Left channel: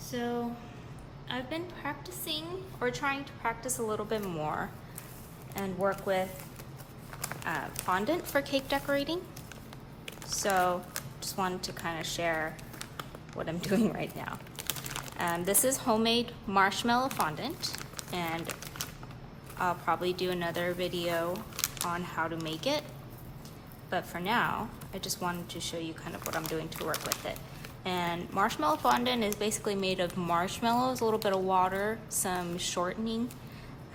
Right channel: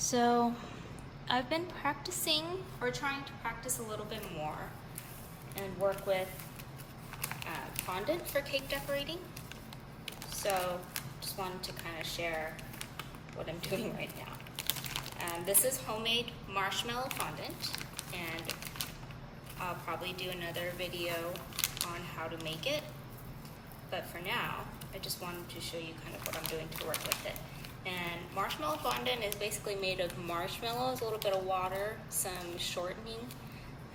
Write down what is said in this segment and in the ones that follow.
So I've been practicing or trying to practice a little bit more and work with fondant for cake decorating. So just wanted to kind of share what I'm doing right now. This is homemade marshmallow fondant, and I'll probably do another video on how to make it. But for now, I just wanted to show you kind of what I'm doing to work with it. And marshmallow fondant is basically made of marshmallows, a little bit of water, some shortening,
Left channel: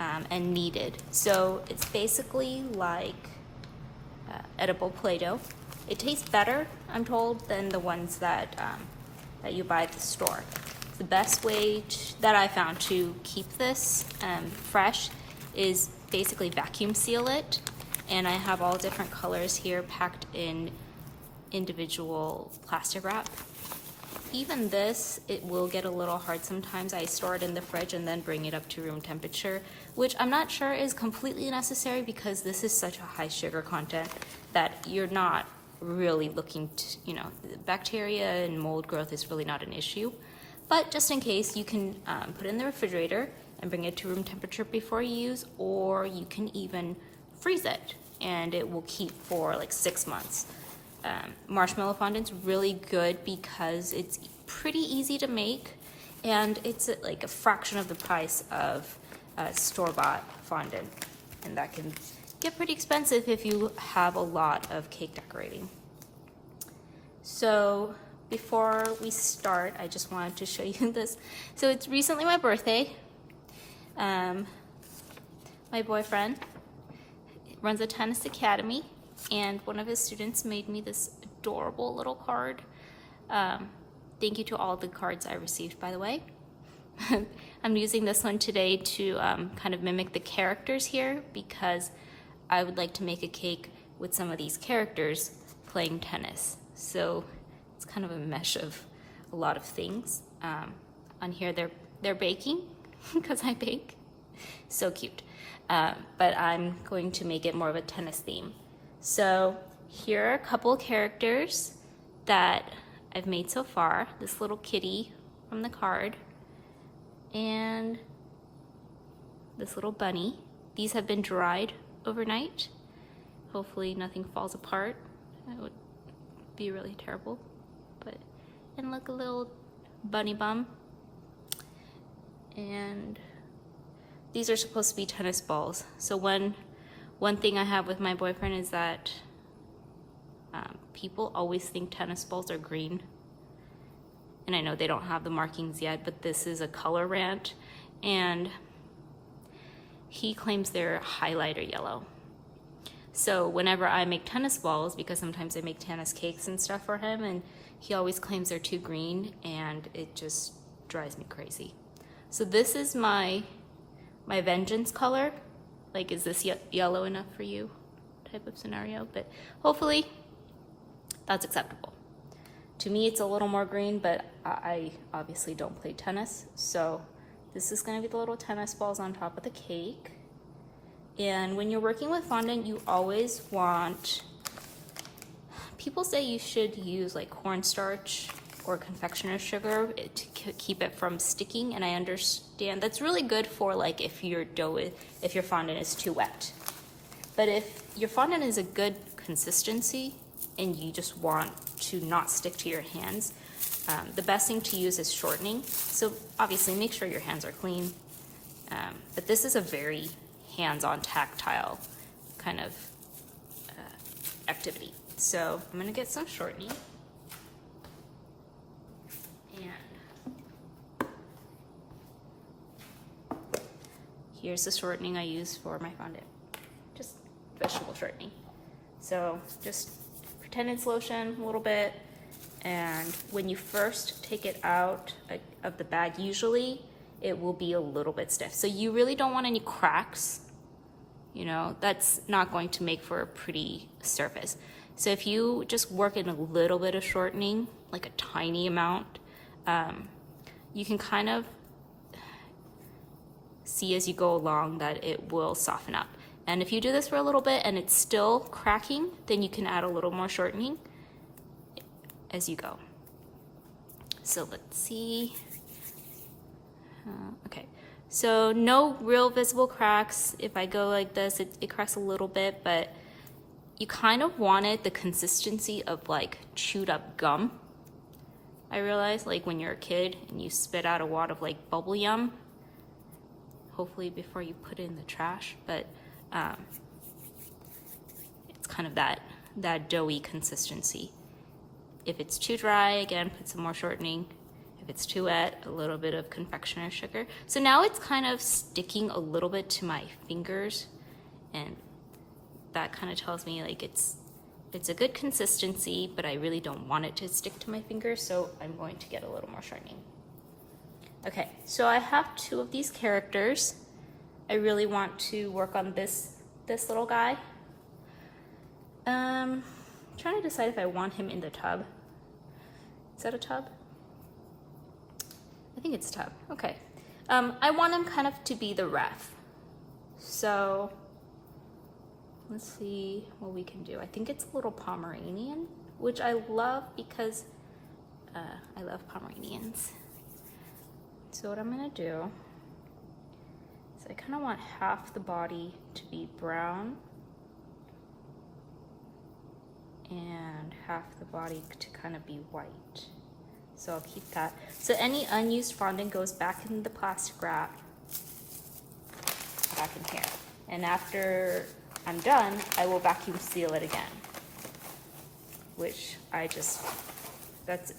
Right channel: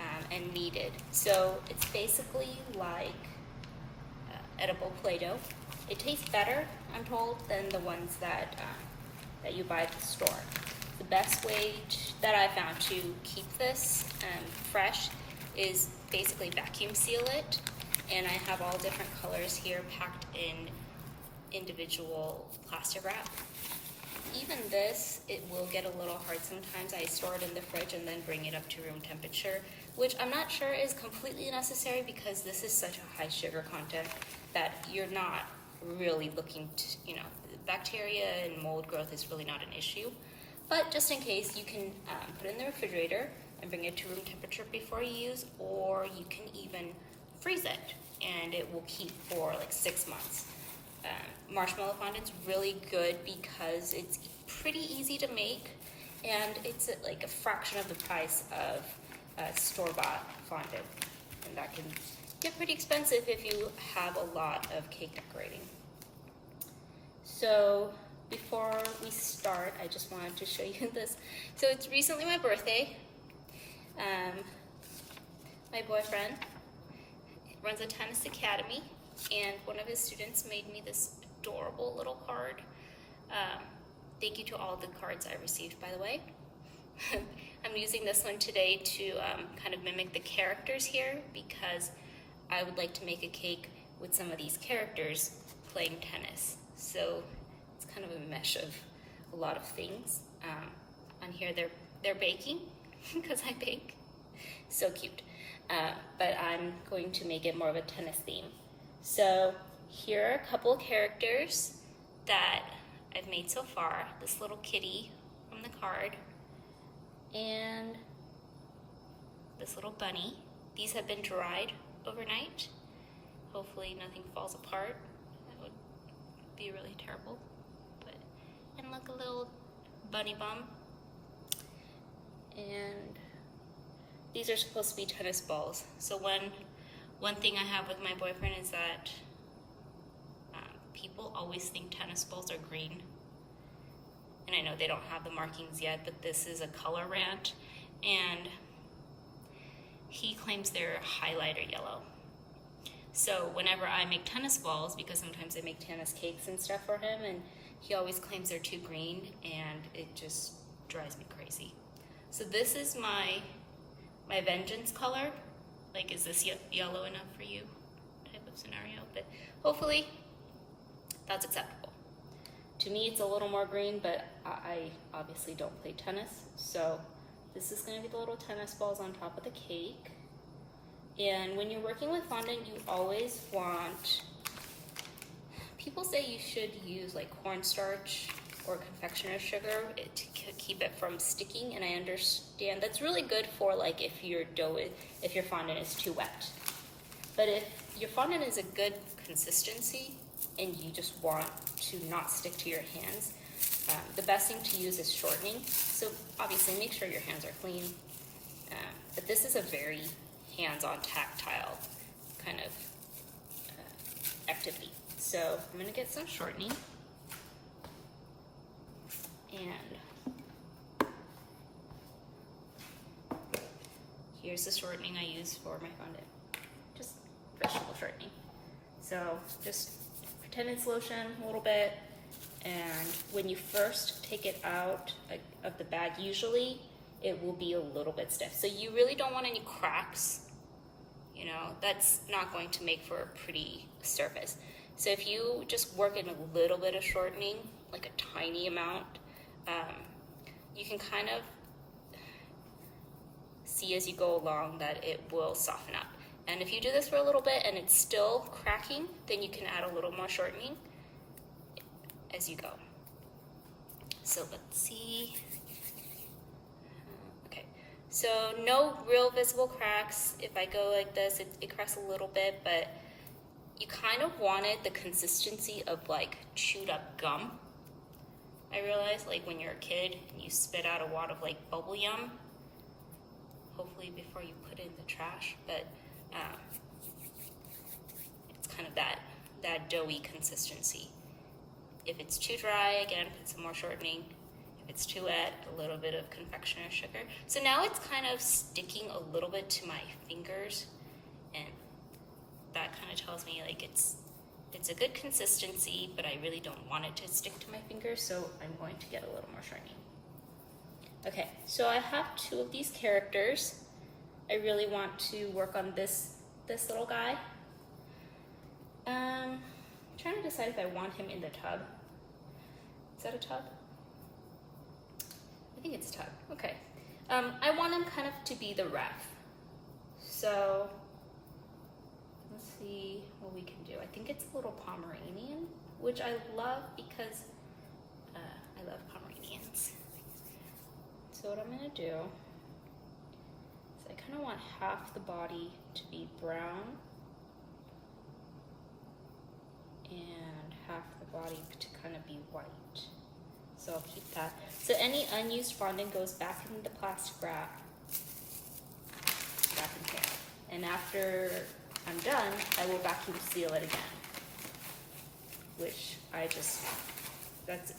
and kneaded. So it's basically like edible Play-Doh. It tastes better, I'm told, than the ones that you buy at the store. The best way that I found to keep this fresh is basically vacuum seal it. And I have all different colors here packed in individual plastic wrap. Even this, it will get a little hard sometimes. I store it in the fridge and then bring it up to room temperature, which I'm not sure is completely necessary because this is such a high sugar content that you're not really looking to, bacteria and mold growth is really not an issue. But just in case, you can put it in the refrigerator and bring it to room temperature before you use, or you can even freeze it and it will keep for like 6 months. Marshmallow fondant's really good because it's pretty easy to make and it's like a fraction of the price of store-bought fondant, and that can get pretty expensive if you have a lot of cake decorating. So before we start, I just wanted to show you this. So it's recently my birthday. My boyfriend runs a tennis academy, and one of his students made me this adorable little card. Thank you to all the cards I received, by the way. I'm using this one today to kind of mimic the characters here because I would like to make a cake with some of these characters playing tennis. So it's kind of a mesh of a lot of things. On here they're baking because I bake. So cute. But I'm going to make it more of a tennis theme. So here are a couple of characters that I've made so far. This little kitty from the card and this little bunny. These have been dried overnight. Hopefully nothing falls apart. That would be really terrible. And look, a little bunny bum. And these are supposed to be tennis balls. So one thing I have with my boyfriend is that people always think tennis balls are green. And I know they don't have the markings yet, but this is a color rant. And he claims they're highlighter yellow. So whenever I make tennis balls, because sometimes I make tennis cakes and stuff for him, and he always claims they're too green, and it just drives me crazy. So this is my vengeance color. Like, is this yellow enough for you type of scenario? But hopefully that's acceptable. To me, it's a little more green, but I obviously don't play tennis. So this is gonna be the little tennis balls on top of the cake. And when you're working with fondant, you always want, people say you should use like cornstarch or confectioner's sugar to keep it from sticking, and I understand that's really good for like if your fondant is too wet. But if your fondant is a good consistency and you just want to not stick to your hands, the best thing to use is shortening. So obviously make sure your hands are clean. But this is a very hands-on tactile kind of activity. So I'm gonna get some shortening. And here's the shortening I use for my fondant. Just vegetable shortening. So just pretend it's lotion a little bit. And when you first take it out of the bag, usually it will be a little bit stiff. So you really don't want any cracks. That's not going to make for a pretty surface. So if you just work in a little bit of shortening, like a tiny amount, you can kind of see as you go along that it will soften up. And if you do this for a little bit and it's still cracking, then you can add a little more shortening as you go. So let's see. So no real visible cracks. If I go like this, it cracks a little bit, but you kind of wanted the consistency of like chewed up gum. I realized, like when you're a kid and you spit out a wad of like bubble yum, hopefully before you put it in the trash, but it's kind of that doughy consistency. If it's too dry, again, put some more shortening. If it's too wet, a little bit of confectioner sugar. So now it's kind of sticking a little bit to my fingers, and that kind of tells me like it's a good consistency, but I really don't want it to stick to my fingers, so I'm going to get a little more shortening. Okay, so I have 2 of these characters. I really want to work on this little guy. I'm trying to decide if I want him in the tub. Is that a tub? I think it's a tub. Okay. I want him kind of to be the ref. So let's see what we can do. I think it's a little Pomeranian, which I love because I love Pomeranians. So what I'm gonna do is I kind of want half the body to be brown and half the body to kind of be white. So I'll keep that. So any unused fondant goes back in the plastic wrap, back in here. And after I'm done, I will vacuum seal it again, which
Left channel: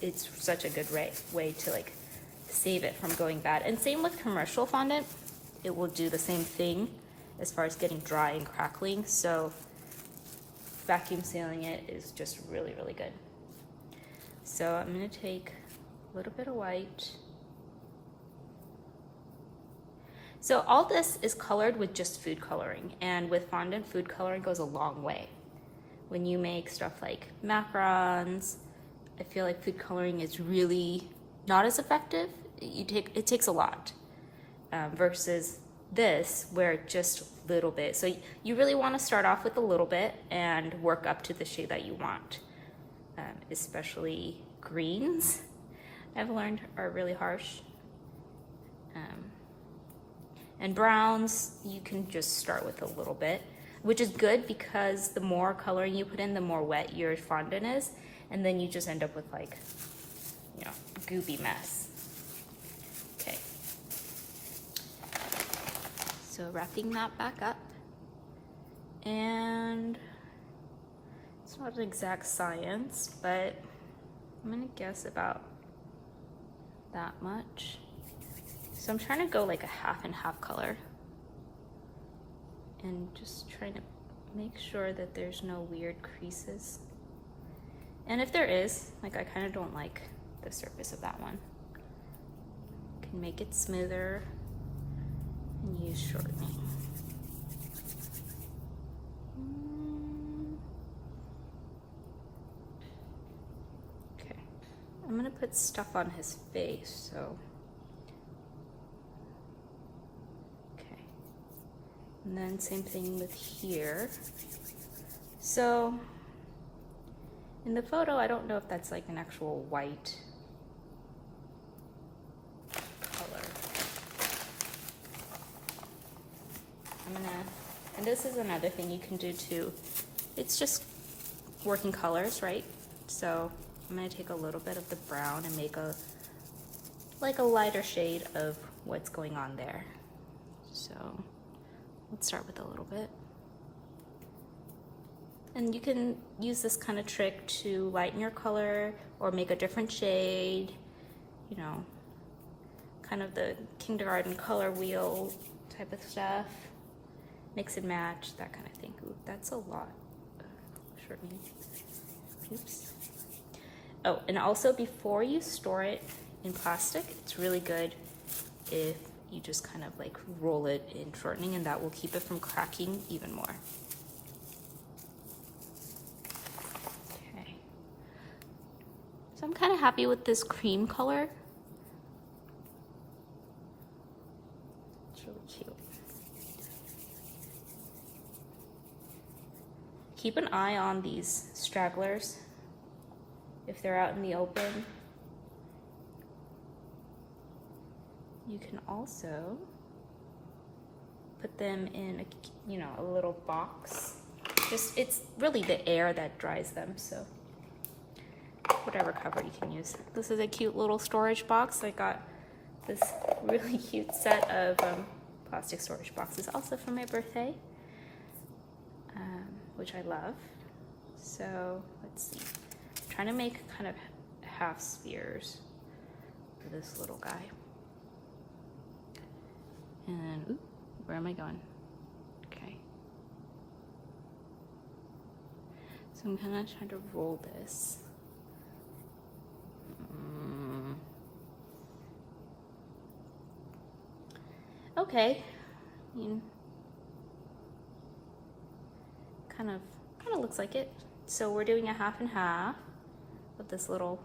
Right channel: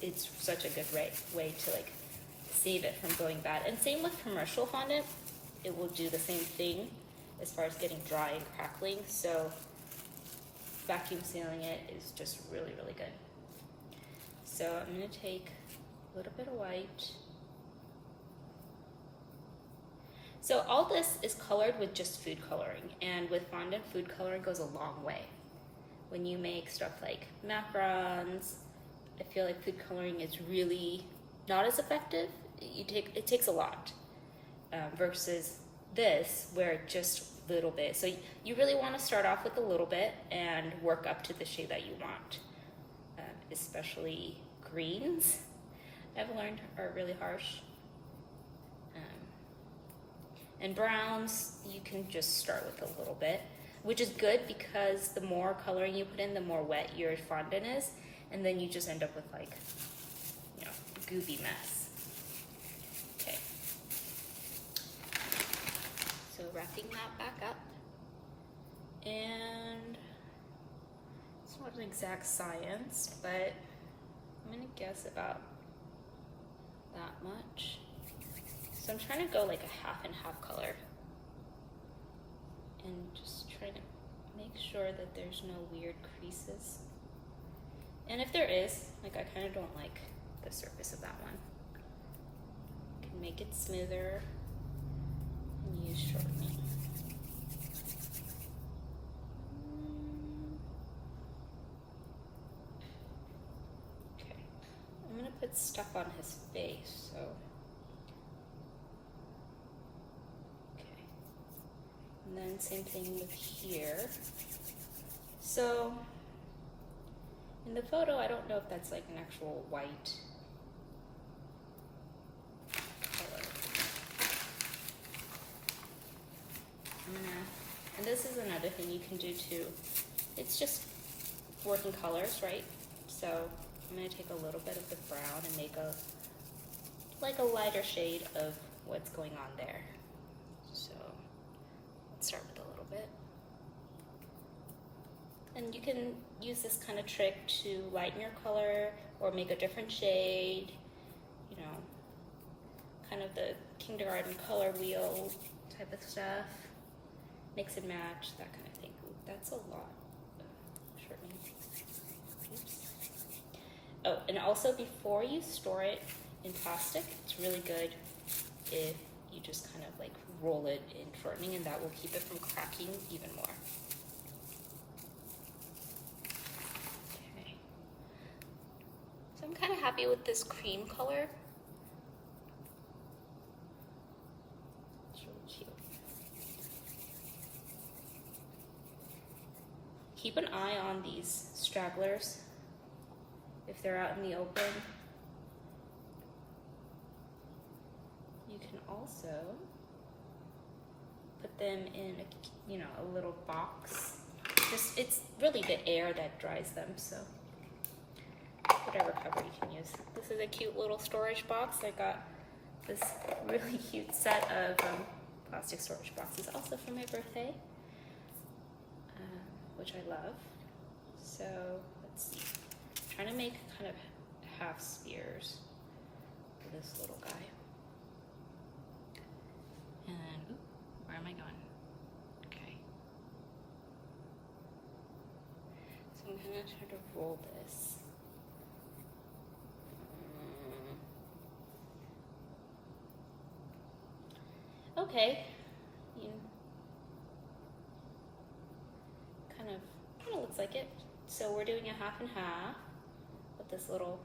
it's such a good way to like save it from going bad. And same with commercial fondant, it will do the same thing as far as getting dry and crackling. So vacuum sealing it is just really, really good. So I'm gonna take a little bit of white. So all this is colored with just food coloring, and with fondant, food coloring goes a long way. When you make stuff like macarons, I feel like food coloring is really not as effective. It takes a lot versus this, where just a little bit. So you really want to start off with a little bit and work up to the shade that you want. Especially greens, I've learned, are really harsh. And browns, you can just start with a little bit, which is good because the more coloring you put in, the more wet your fondant is, and then you just end up with like, you know, a goopy mess. Okay. So wrapping that back up, and it's not an exact science, but I'm gonna guess about that much. So I'm trying to go like a half and half color, and just trying to make sure that there's no weird creases. And if there is, like, I kind of don't like the surface of that one. Can make it smoother and use shortening. Okay, I'm gonna put stuff on his face, so. And then same thing with here. So in the photo, I don't know if that's like an actual white color. And this is another thing you can do too. It's just working colors, right? So I'm gonna take a little bit of the brown and make a lighter shade of what's going on there. So let's start with a little bit. And you can use this kind of trick to lighten your color or make a different shade, you know, kind of the kindergarten color wheel type of stuff. Mix and match, that kind of thing. Ooh, that's a lot. Shortening. Oops. Oh, and also before you store it in plastic, it's really good if you just kind of like roll it in shortening, and that will keep it from cracking even more. Okay. So I'm kind of happy with this cream color. It's really cute. Keep an eye on these stragglers if they're out in the open. You can also put them in a, you know, a little box. Just, it's really the air that dries them, so whatever cover you can use. This is a cute little storage box. I got this really cute set of plastic storage boxes also for my birthday, which I love. So let's see, I'm trying to make kind of half spheres for this little guy. And ooh, where am I going? Okay. So I'm gonna try to roll this. Okay. I mean, kind of looks like it. So we're doing a half and half with this little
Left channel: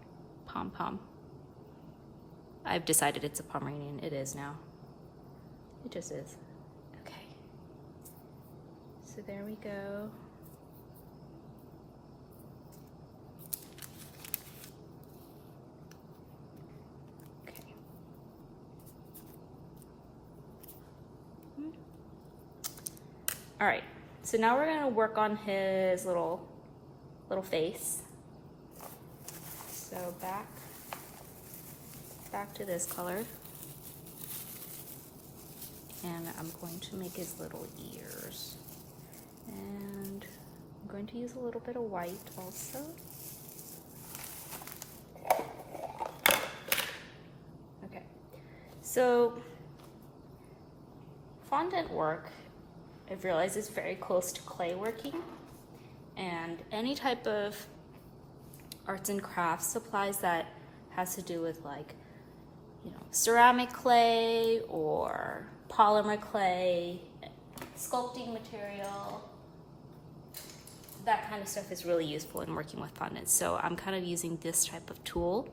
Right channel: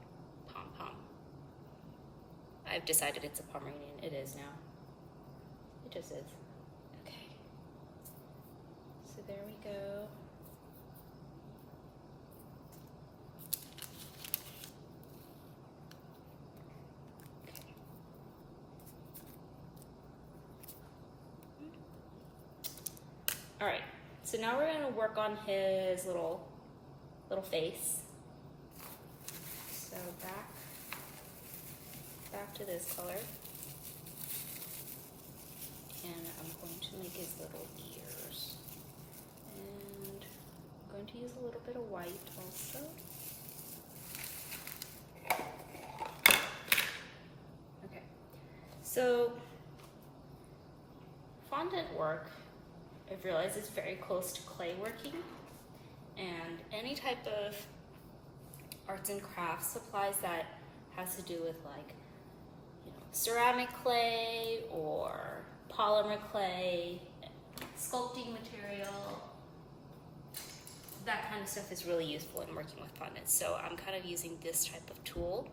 pom-pom. I've decided it's a Pomeranian. It is now. It just is. Okay. So there we go. Okay. All right. So now we're gonna work on his little face. So back to this color. And I'm going to make his little ears. And I'm going to use a little bit of white also. Okay, so fondant work, I've realized, is very close to clay working. And any type of arts and crafts supplies that has to do with, like, you know, ceramic clay or polymer clay, sculpting material, that kind of stuff is really useful in working with fondants. So I'm kind of using this type of tool.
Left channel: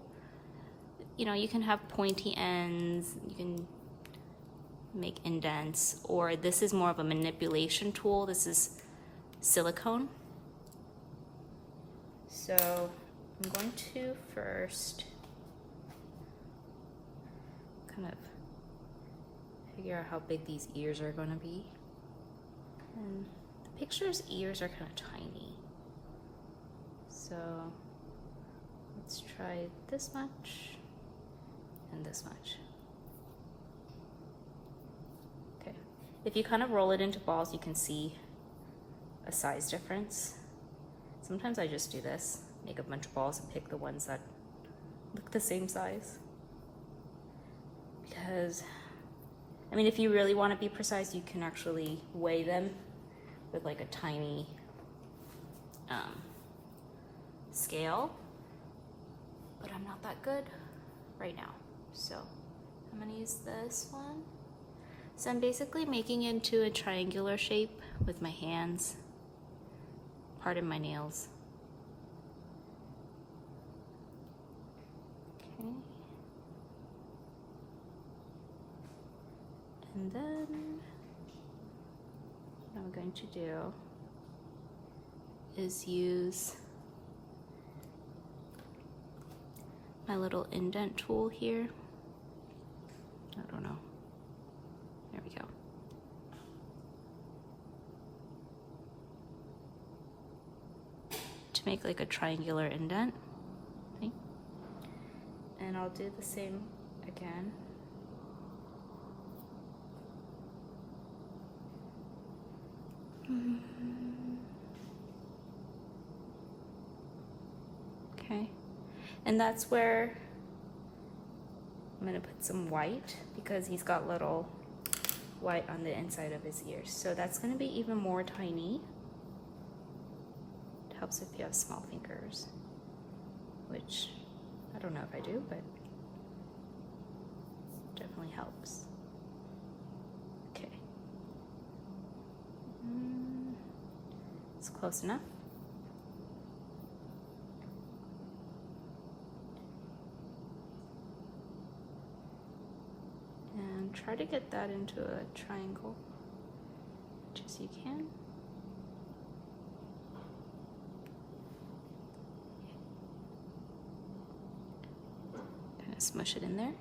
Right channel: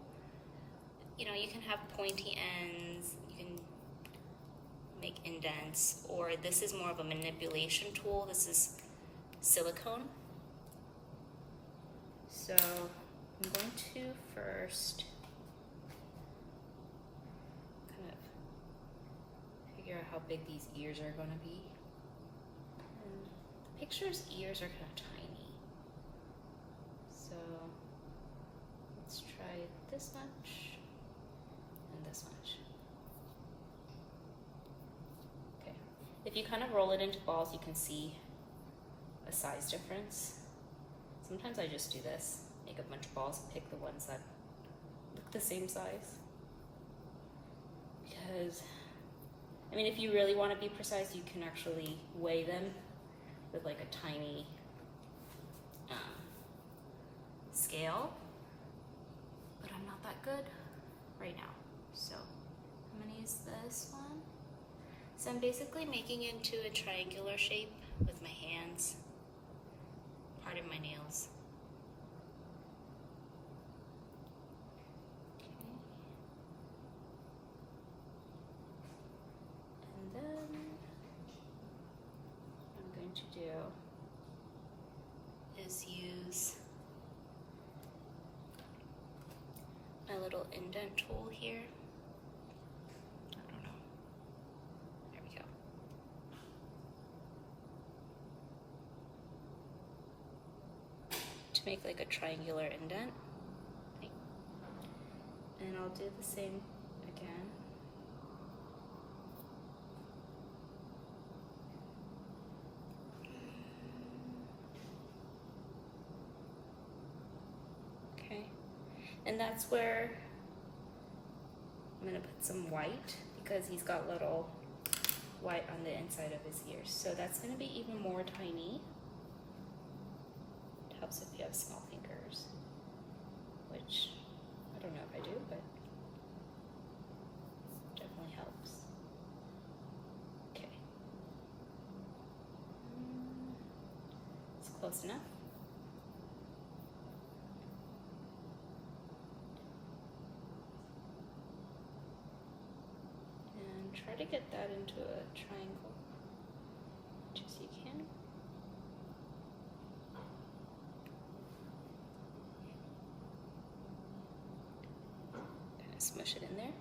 You know, you can have pointy ends, you can make indents, or this is more of a manipulation tool. This is silicone. So I'm going to first kind of figure out how big these ears are going to be. And the picture's ears are kind of tiny. So let's try this much and this much. Okay. If you kind of roll it into balls, you can see a size difference. Sometimes I just do this, make a bunch of balls and pick the ones that look the same size. Because, I mean, if you really want to be precise, you can actually weigh them with like a tiny scale. But I'm not that good right now. So I'm gonna use this one. So I'm basically making it into a triangular shape with my hands. Pardon my nails. Okay. And then what I'm going to do is use my little indent tool here. I don't know. There we go. To make like a triangular indent. Okay. And I'll do the same again. Okay. And that's where I'm gonna put some white, because he's got little white on the inside of his ears. So that's gonna be even more tiny. Helps if you have small fingers, which I don't know if I do, but definitely helps. Okay. It's close enough. And try to get that into a triangle, much as you can. Smush it in there.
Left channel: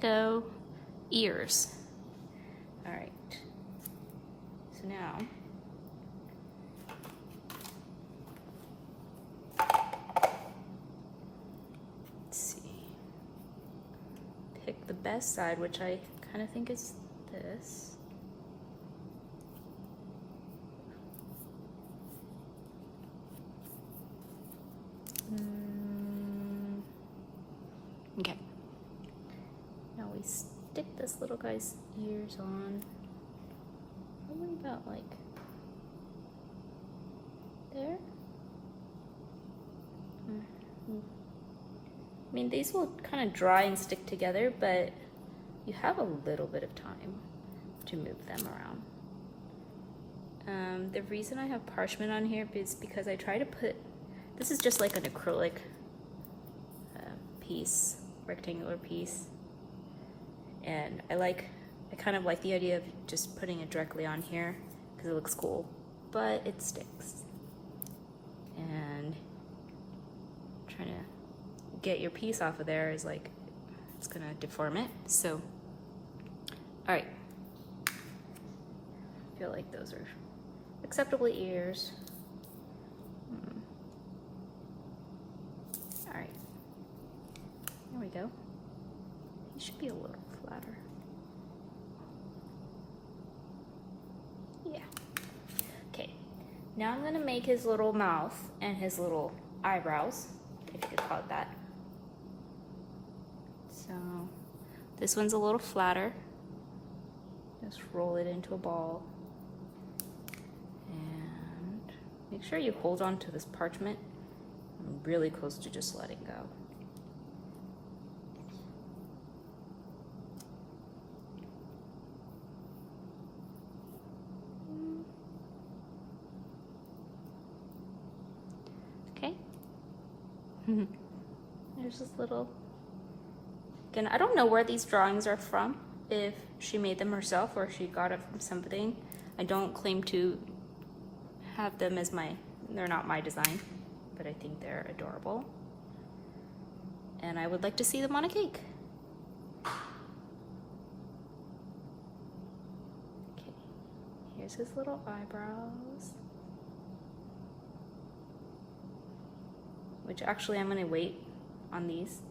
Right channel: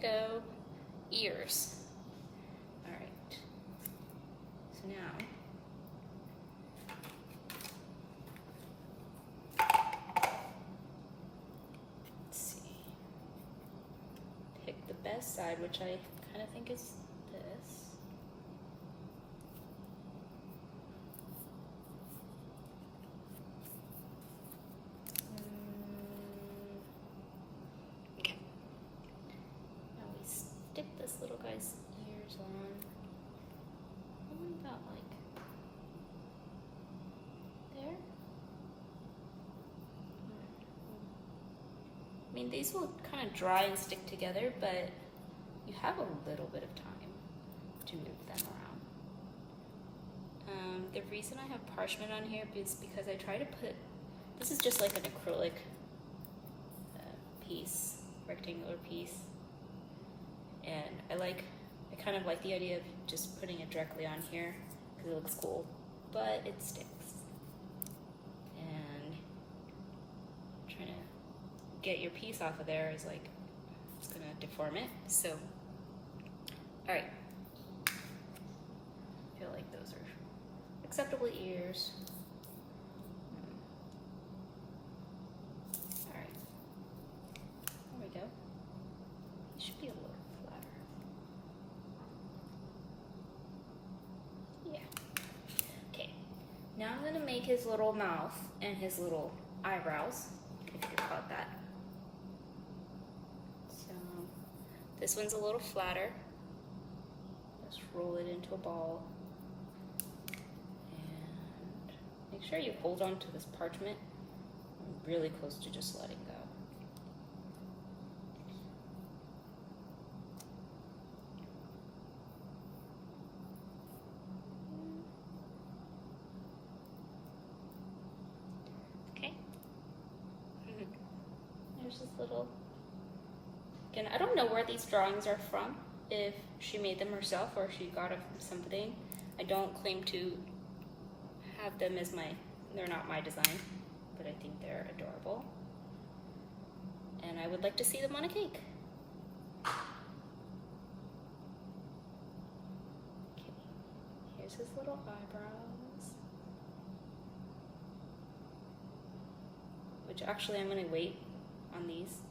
go. Ears. All right. So now, let's see. Pick the best side, which I kind of think is this. Okay. Now we stick this little guy's ears on. What about like there? I mean, these will kind of dry and stick together, but you have a little bit of time to move them around. The reason I have parchment on here is because I try to put, this is just like an acrylic piece, rectangular piece. And I kind of like the idea of just putting it directly on here because it looks cool, but it sticks. And trying to get your piece off of there is like, it's gonna deform it. So, all right. I feel like those are acceptable ears. All right, there we go. It should be a little flatter. Yeah. Okay, now I'm gonna make his little mouth and his little eyebrows, if you could call it that. So this one's a little flatter. Just roll it into a ball. And make sure you hold on to this parchment. I'm really close to just letting go. Okay. There's this little, again, I don't know where these drawings are from, if she made them herself or she got it from something. I don't claim to have them as they're not my design, but I think they're adorable. And I would like to see them on a cake. Okay, here's his little eyebrows. Which actually I'm gonna wait on these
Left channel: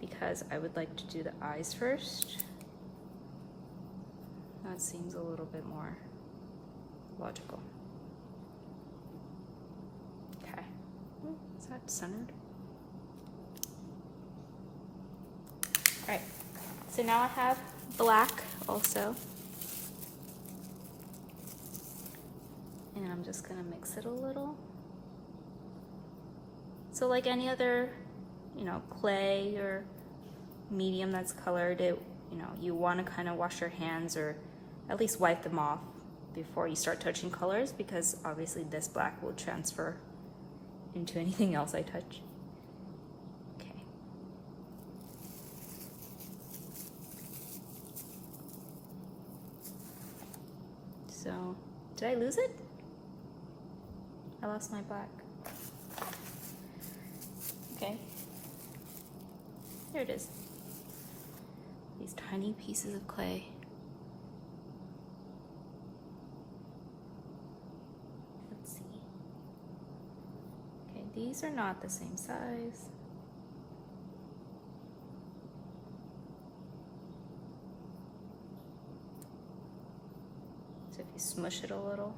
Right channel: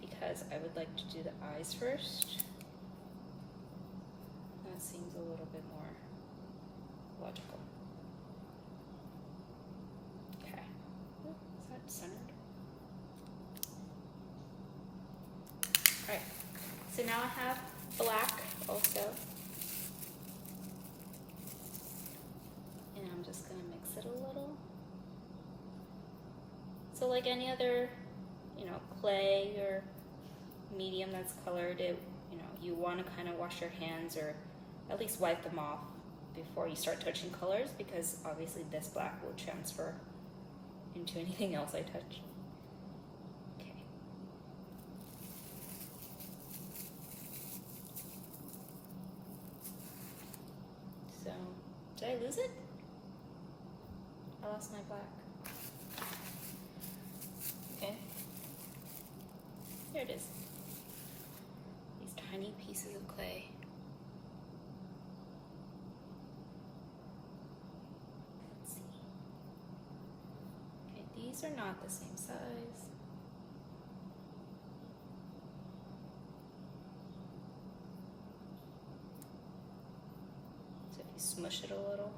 because I would like to do the eyes first. That seems a little bit more logical. Okay, is that centered? All right, so now I have black also. And I'm just gonna mix it a little. So like any other, clay or medium that's colored, you want to kind of wash your hands or at least wipe them off before you start touching colors, because obviously this black will transfer into anything else I touch. Okay. So, did I lose it? I lost my black. Okay. Here it is. These tiny pieces of clay. Let's see. Okay, these are not the same size. So if you smush it a little.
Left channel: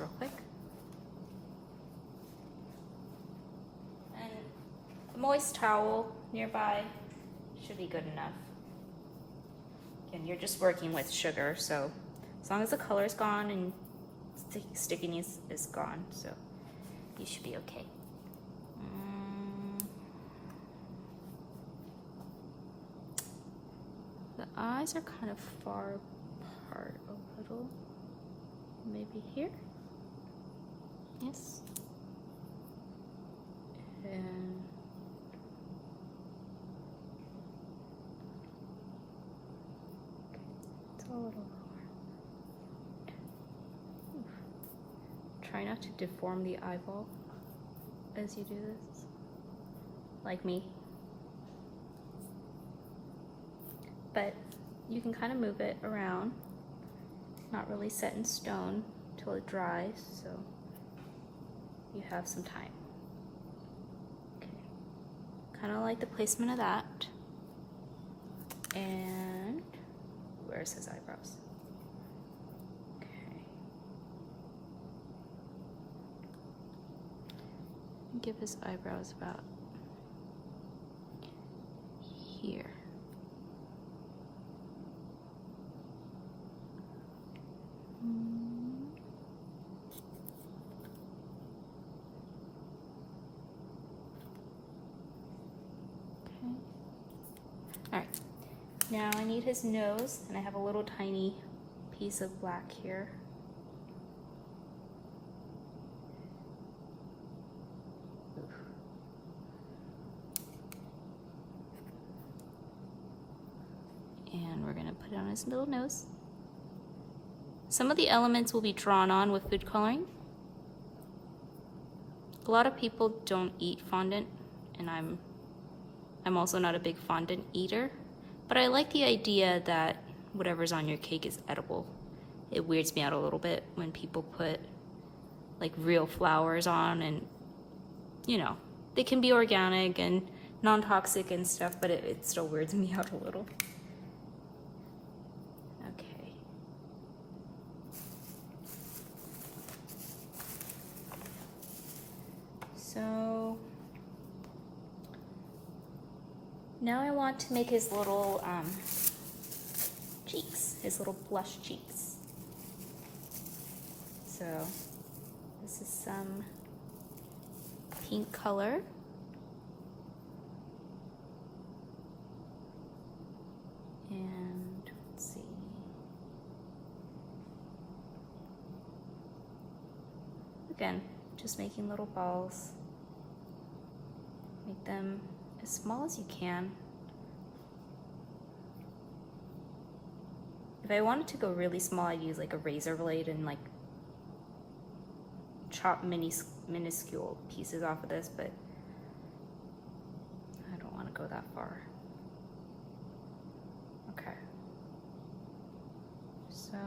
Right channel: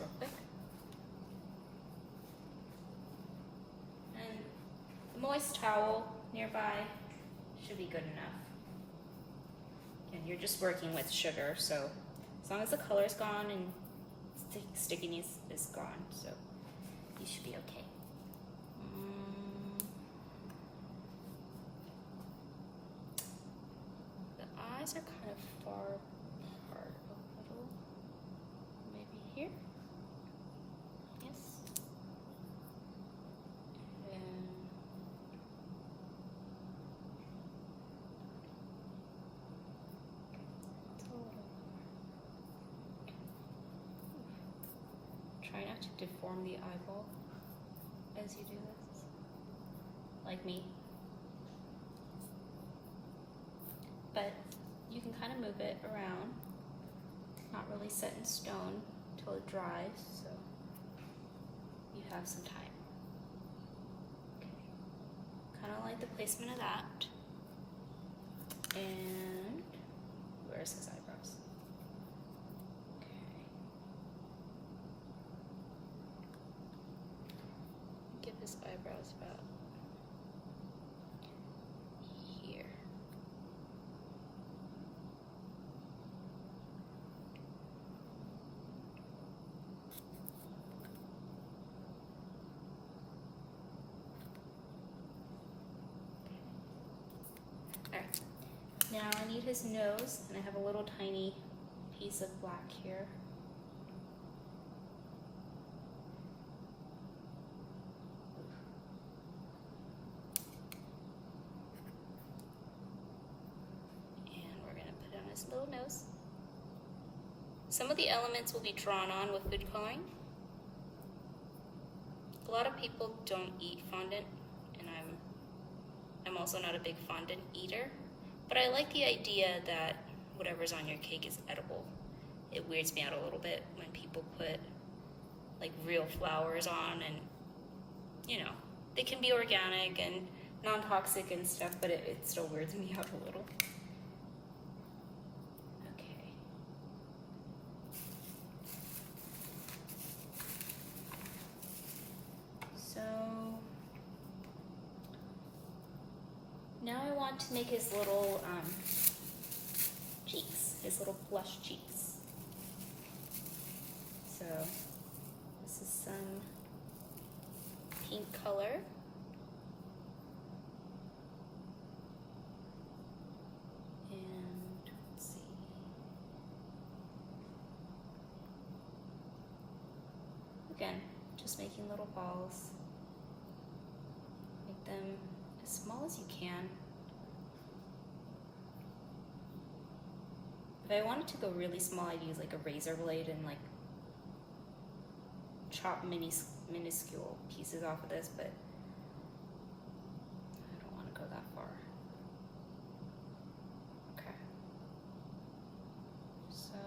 Real quick. And a moist towel nearby should be good enough. And you're just working with sugar, so as long as the color's gone and stickiness is gone, so you should be okay. The eyes are kind of far apart a little. Maybe here. Yes. And it's a little lower. not to deform the eyeball as you do this, like me. But you can kind of move it around. It's not really set in stone until it dries, so you have some time. Okay. Kind of like the placement of that. And where's his eyebrows? Okay. Give his eyebrows about here. Alright, now I need his nose, and I have a little tiny piece of black here. And we're going to put it on his little nose. Some of the elements will be drawn on with food coloring. A lot of people don't eat fondant, and I'm also not a big fondant eater, but I like the idea that whatever's on your cake is edible. It weirds me out a little bit when people put like real flowers on, and you know, they can be organic and non-toxic and stuff, but it still weirds me out a little. Okay. So now I want to make his little cheeks, his little blush cheeks. So this is some pink color. And let's see. Again, just making little balls. Make them as small as you can. If I wanted to go really small, I'd use like a razor blade and like chop minuscule pieces off of this, but I don't want to go that far. Okay. So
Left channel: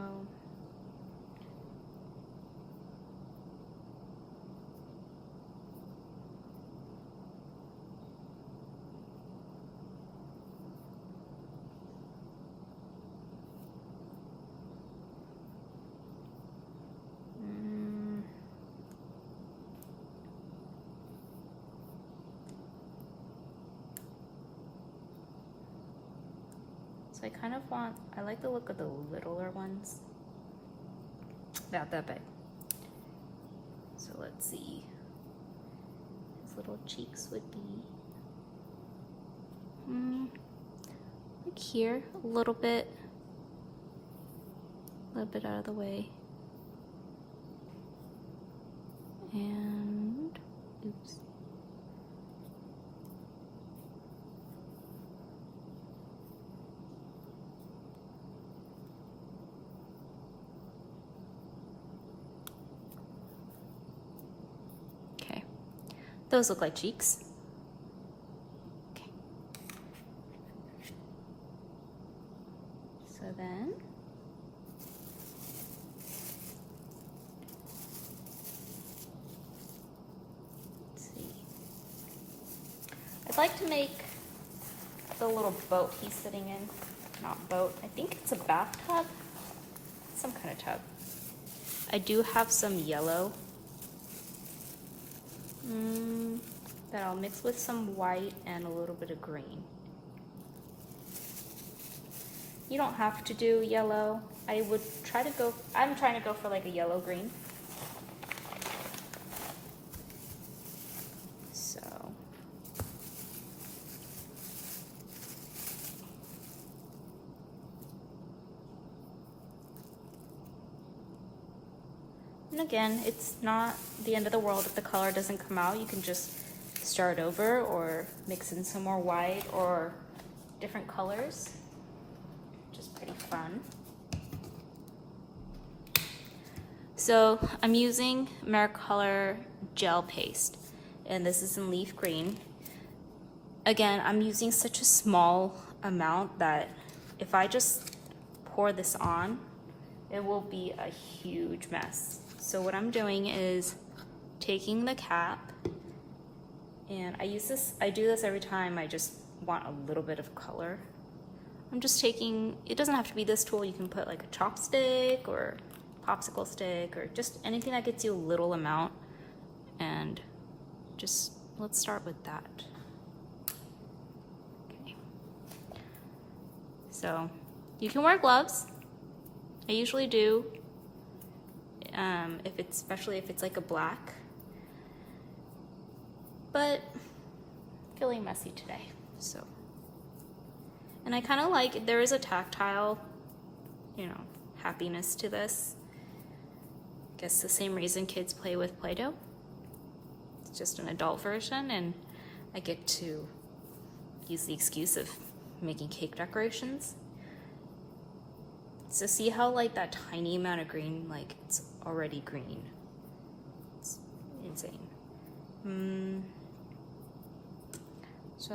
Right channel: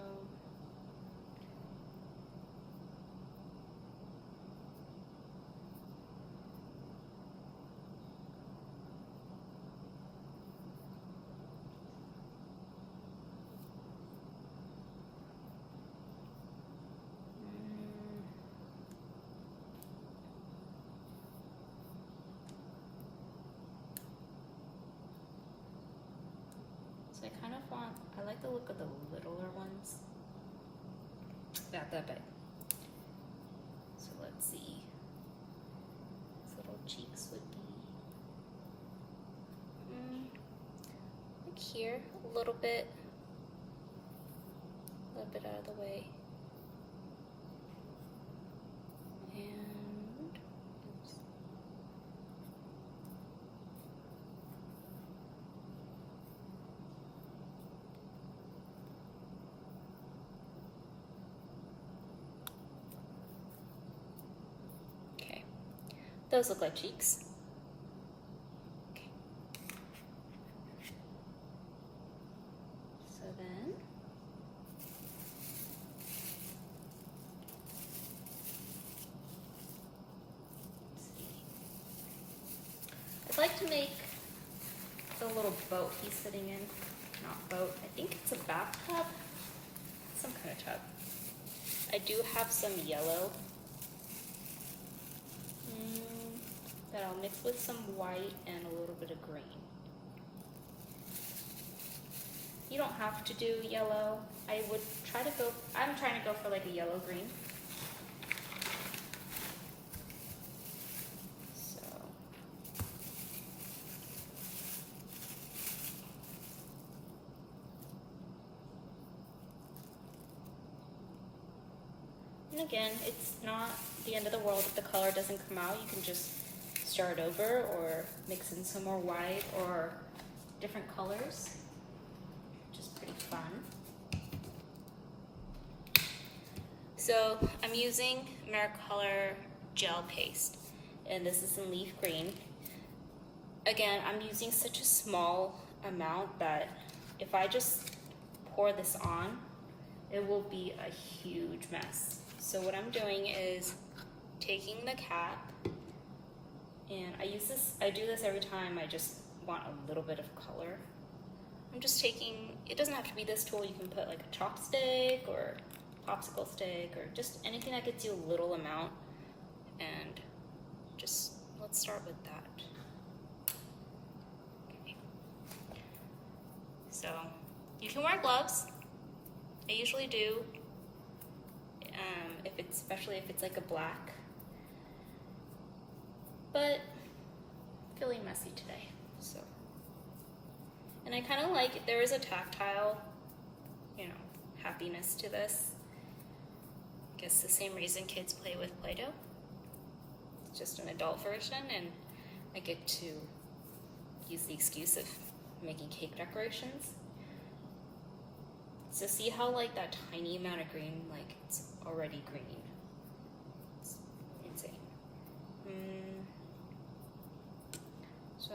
So I kind of want, I like the look of the littler ones. About that big. So let's see. His little cheeks would be like here, a little bit out of the way. And, oops. Those look like cheeks. Okay. So then, let's see. I'd like to make the little boat he's sitting in. Not boat, I think it's a bathtub. Some kind of tub. I do have some yellow. That I'll mix with some white and a little bit of green. You don't have to do yellow. I'm trying to go for like a yellow-green. So. And again, it's not the end of the world if the color doesn't come out. You can just start over or mix in some more white or different colors. Just pretty fun. So I'm using Americolor gel paste, and this is in leaf green. Again, I'm using such a small amount that if I just pour this on, it will be a huge mess. So what I'm doing is taking the cap, and I do this every time I just want a little bit of color. I'm just taking, it doesn't have to be this tool, you can put like a chopstick or popsicle stick or just anything that gets you a little amount, and just let's start with that. Okay. So you can wear gloves. I usually do, especially if it's like a black, but feeling messy today, so. And I kind of like, there is a tactile, happiness to this. I guess the same reason kids play with Play-Doh. It's just an adult version, and I get to use the excuse of making cake decorations. So see how like that tiny amount of green, like it's already green. It's insane. So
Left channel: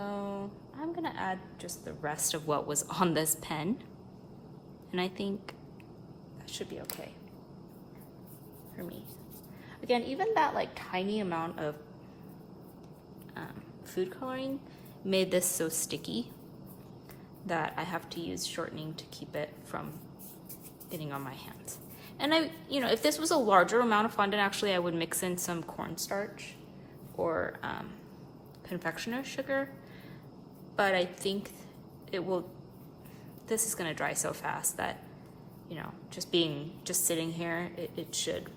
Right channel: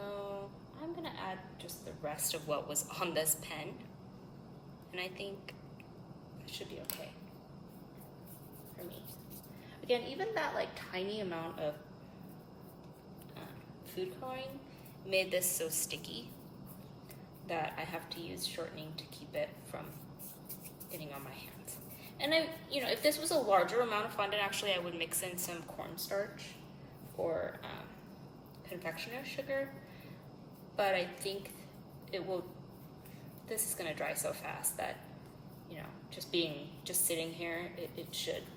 I'm gonna add just the rest of what was on this pen, and I think that should be okay for me. Again, even that like tiny amount of food coloring made this so sticky that I have to use shortening to keep it from getting on my hands. And if this was a larger amount of fondant, actually I would mix in some cornstarch or confectioner's sugar, but I think this is gonna dry so fast that, just sitting here, it should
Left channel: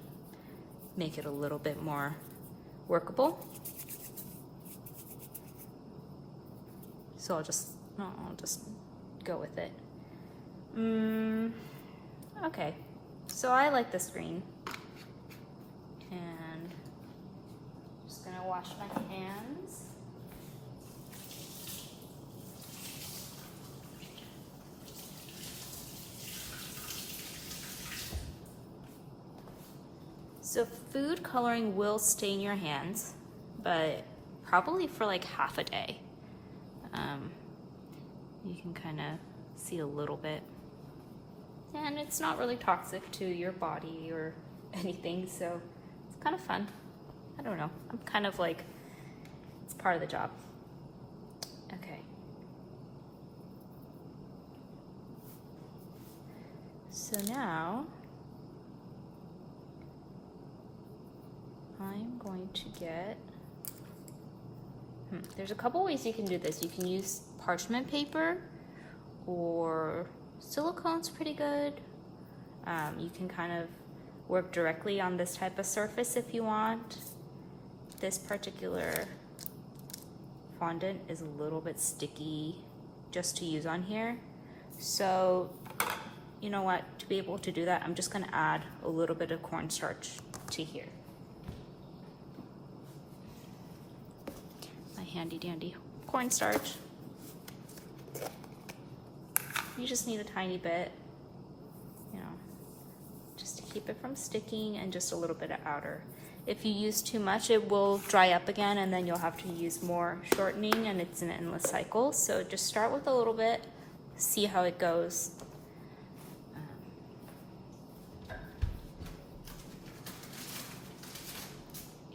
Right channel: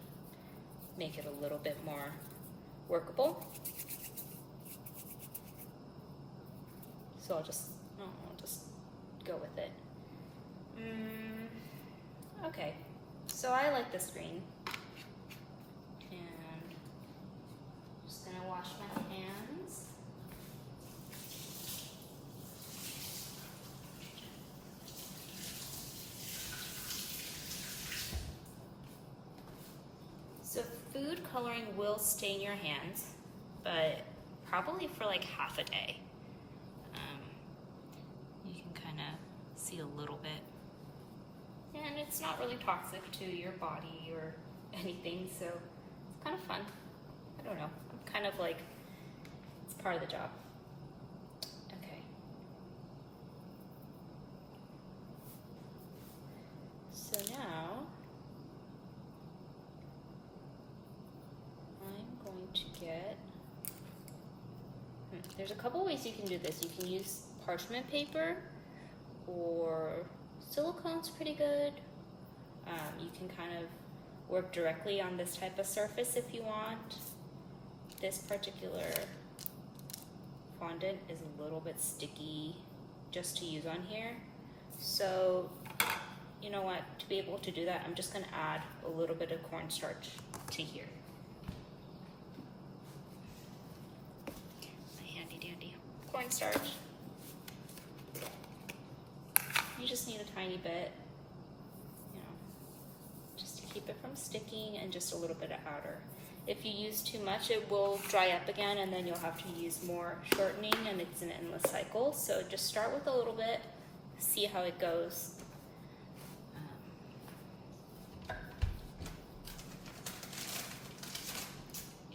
make it a little bit more workable. So I'll just go with it. Okay, so I like this green, and just gonna wash my hands. So food coloring will stain your hands, but probably for like half a day. You can kind of see a little bit. And it's not really toxic to your body or anything, so it's kind of fun. I don't know, I'm kind of like, it's part of the job. Okay. So now, I'm going to get, there's a couple ways you can do this. You can use parchment paper, or silicone's pretty good. You can kind of work directly on this type of surface if you want. This particular fondant is a little bit sticky just to use on here. So, you know what, to be able to do that, I'm just gonna add a little bit of cornstarch to here. My handy dandy cornstarch. You just need a tiny bit, just to keep it from sticking, and just a little bit of outer. If you use too much, it will dry up again, and then you'll have to use more shortening, and it's an endless cycle. So just start with a little bit, see how it goes.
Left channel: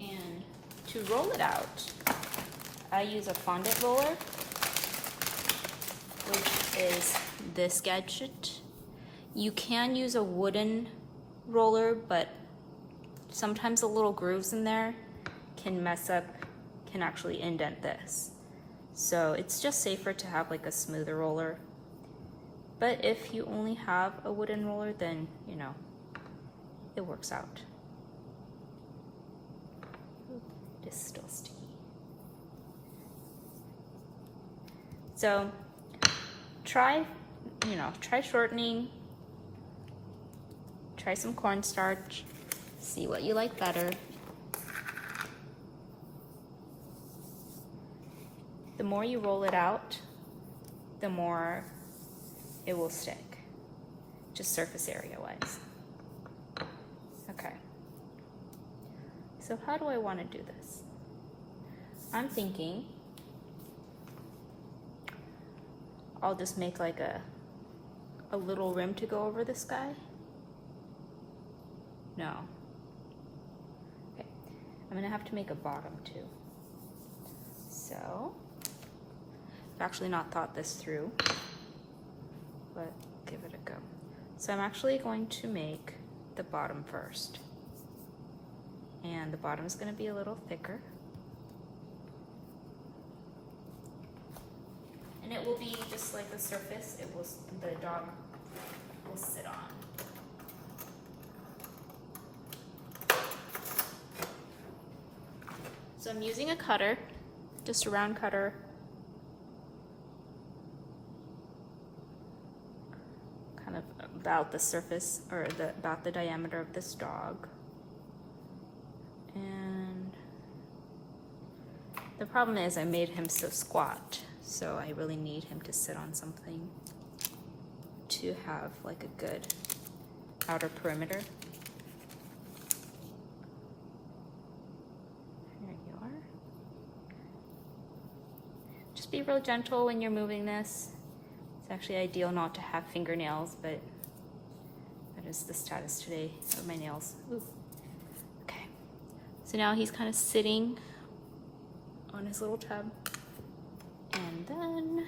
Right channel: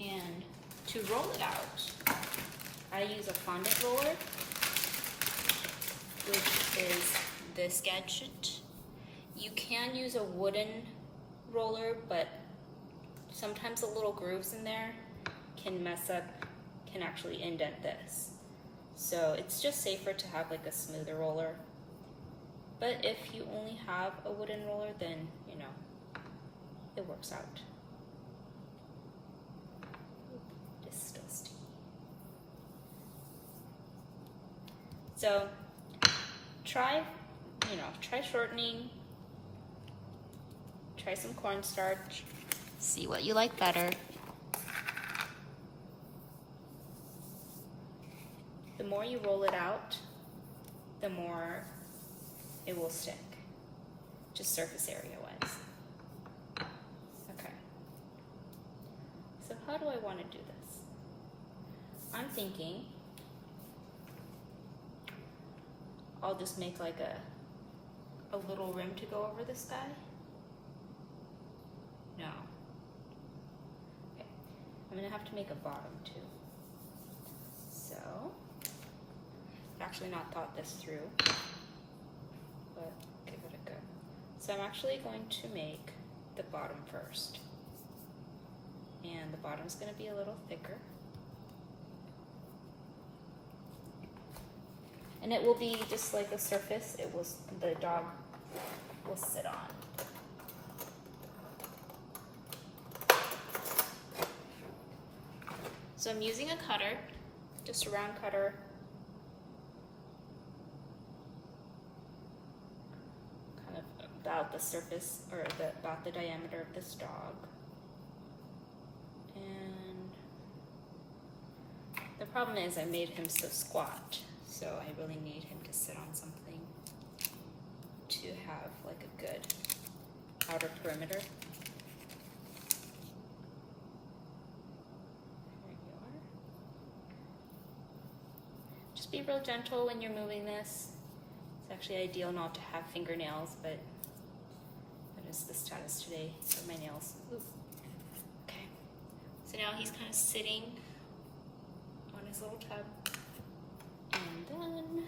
And to roll it out, I use a fondant roller, which is this gadget. You can use a wooden roller, but sometimes the little grooves in there can actually indent this. So it's just safer to have like a smoother roller. But if you only have a wooden roller, then it works out. It's still sticky. So try shortening, try some cornstarch, see what you like better. The more you roll it out, the more it will stick, just surface area wise. Okay. So how do I want to do this? I'm thinking I'll just make like a little rim to go over this guy. No. Okay. I'm gonna have to make a bottom too. So, I've actually not thought this through, but give it a go. So I'm actually going to make the bottom first. And the bottom's gonna be a little thicker. And it will be just like the surface the dog will sit on. So I'm using a cutter, just a round cutter. Kind of about the surface, or about the diameter of this dog. And the problem is I made him so squat, so I really need him to sit on something to have like a good outer perimeter. Be real gentle when you're moving this. It's actually ideal not to have fingernails, but that is the status today of my nails. Ooh. Okay, so now he's kind of sitting on his little tub, and then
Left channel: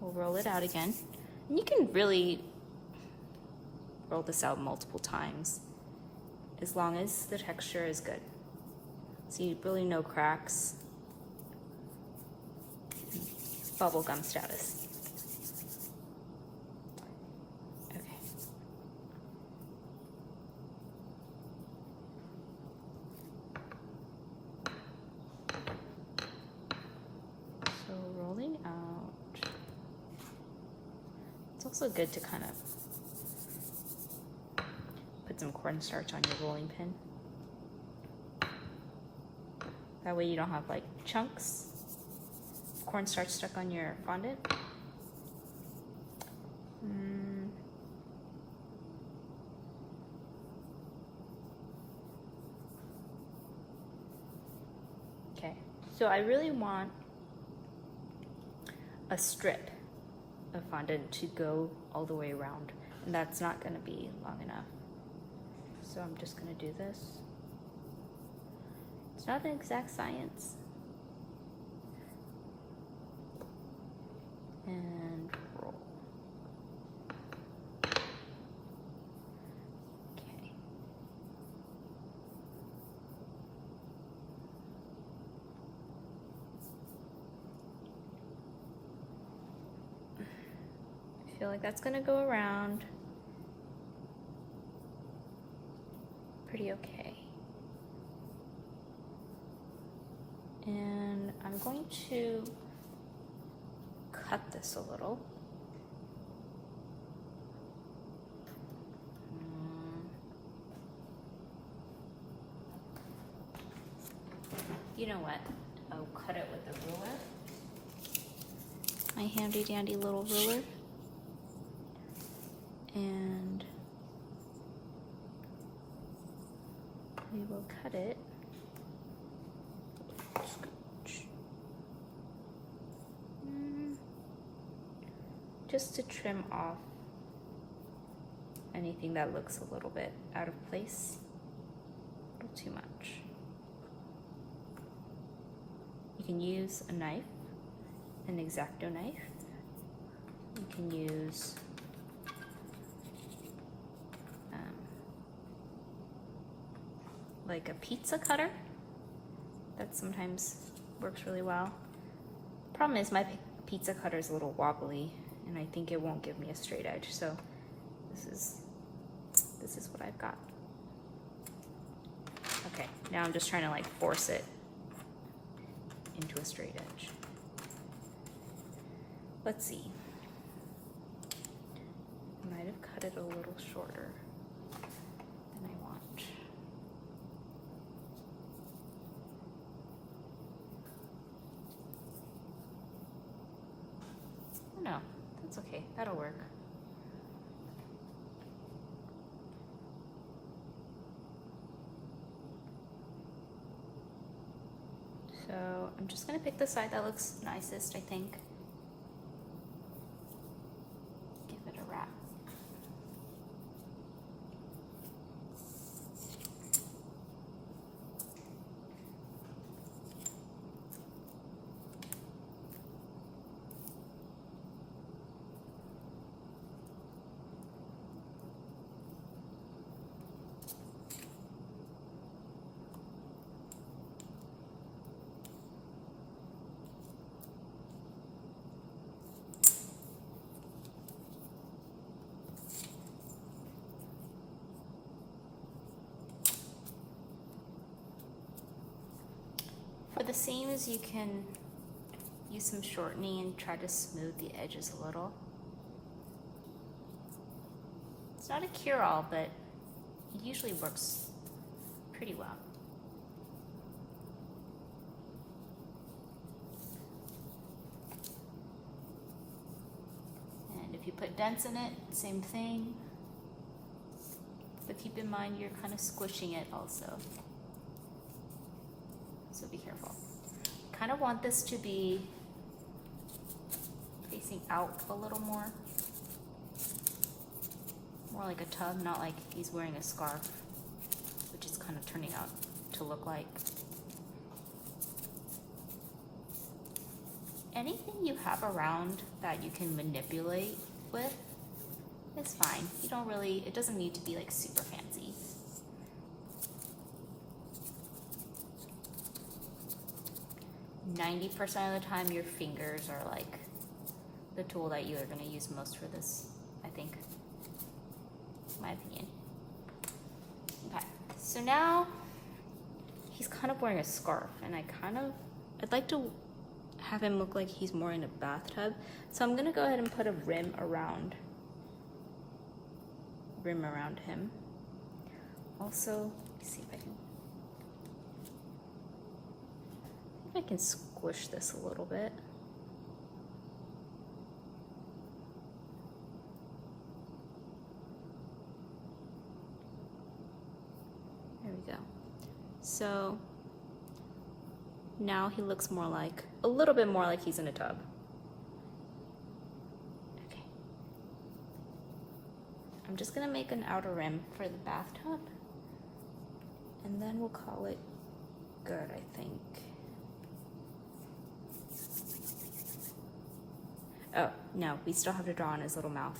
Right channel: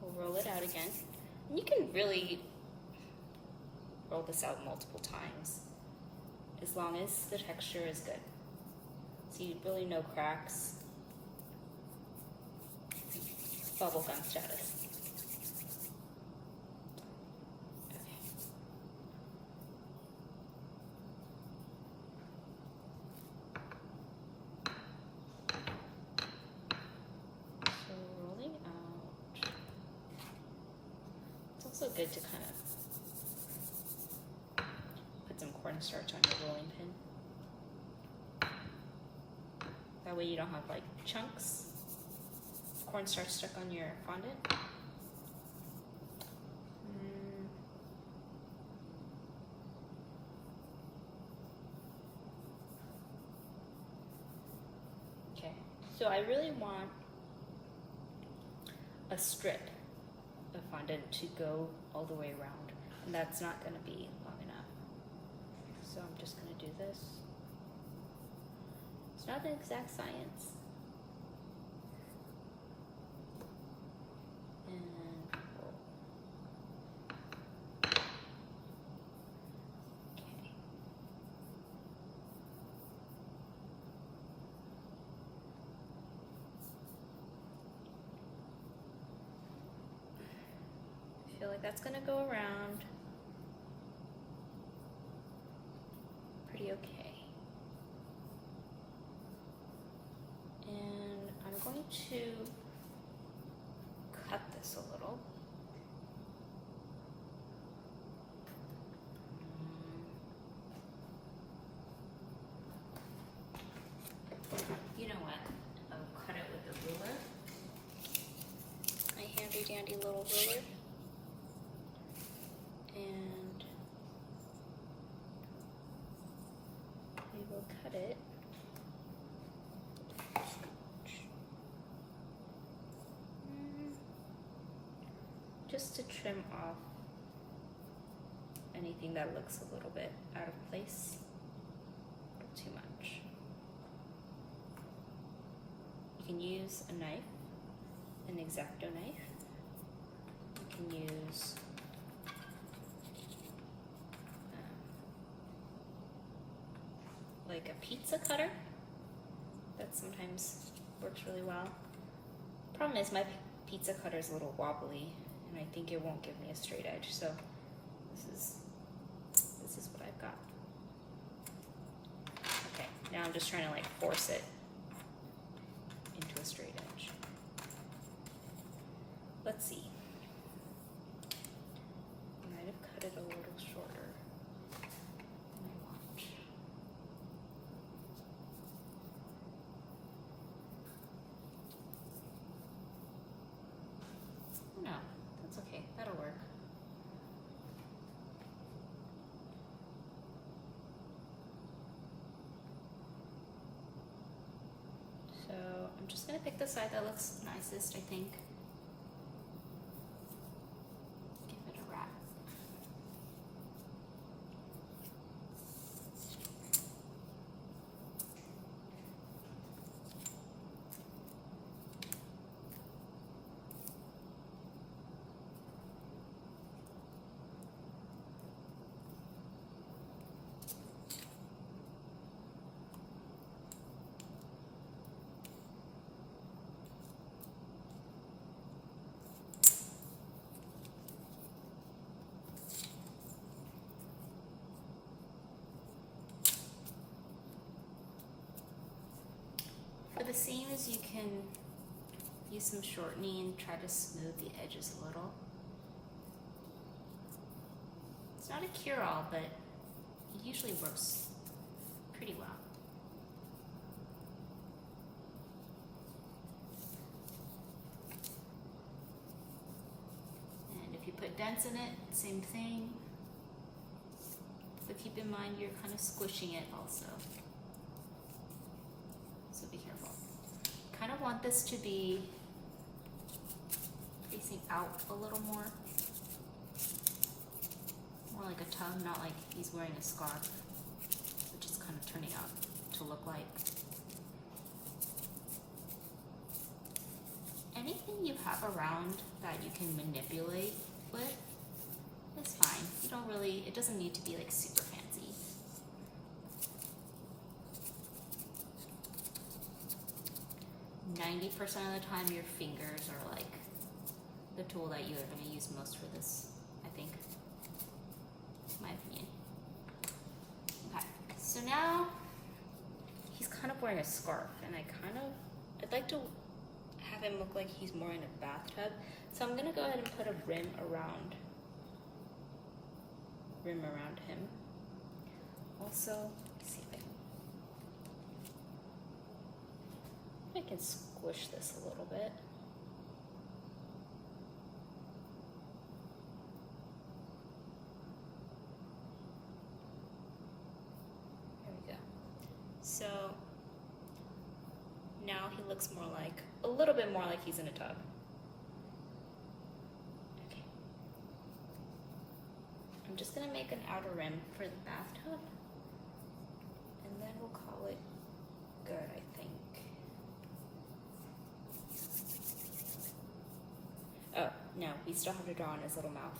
we'll roll it out again. And you can really roll this out multiple times as long as the texture is good. See, really no cracks. Bubblegum status. Okay. So rolling out. It's also good to kind of put some cornstarch on your rolling pin. That way you don't have like chunks of cornstarch stuck on your fondant. Okay, so I really want a strip of fondant to go all the way around, and that's not going to be long enough. So I'm just going to do this. Not an exact science. And roll. Okay. I feel like that's gonna go around pretty okay. To cut this a little. You know what? I'll cut it with a ruler. My handy dandy little ruler. And we will cut it. Just to trim off anything that looks a little bit out of place, a little too much. You can use a knife, an X-Acto knife. You can use like a pizza cutter. That sometimes works really well. Problem is my pizza cutter is a little wobbly, and I think it won't give me a straight edge, so this is what I've got. Okay, now I'm just trying to like force it into a straight edge. Let's see. I might have cut it a little shorter than I want. No, that's okay, that'll work. I'm just gonna pick the side that looks nicest, I think. Give it a wrap. For the seams, you can use some shortening and try to smooth the edges a little. It's not a cure-all, but it usually works pretty well. And if you put dents in it, same thing. But keep in mind you're kind of squishing it also. So be careful. Kind of want this to be facing out a little more. More like a tub, not like he's wearing a scarf, which is kind of turning out to look like. Anything you have around that you can manipulate with is fine. You don't really, it doesn't need to be like super fancy. 90% of the time your fingers are like the tool that you're going to use most for this, I think. My opinion. Okay, so now he's kind of wearing a scarf, and I'd like to have him look like he's more in a bathtub. So I'm going to go ahead and put a rim around him. Also, let's see if I can squish this a little bit. There we go. So now he looks more like, a little bit more like he's in a tub. Okay. I'm just gonna make an outer rim for the bathtub, and then we'll call it good, I think. Oh, no, we still have to draw on his little mouth.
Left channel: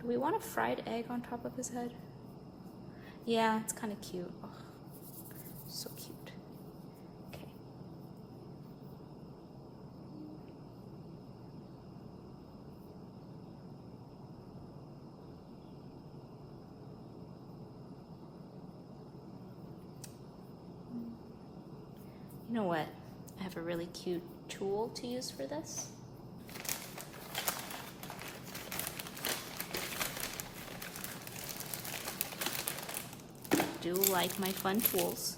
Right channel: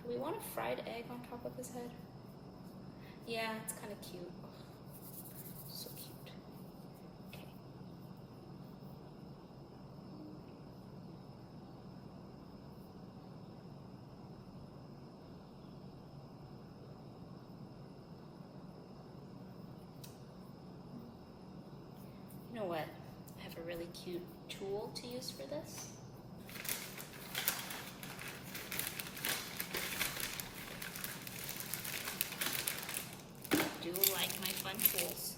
Do we want a fried egg on top of his head? Yeah, it's kind of cute. Oh, so cute. Okay. You know what? I have a really cute tool to use for this. I do like my fun tools.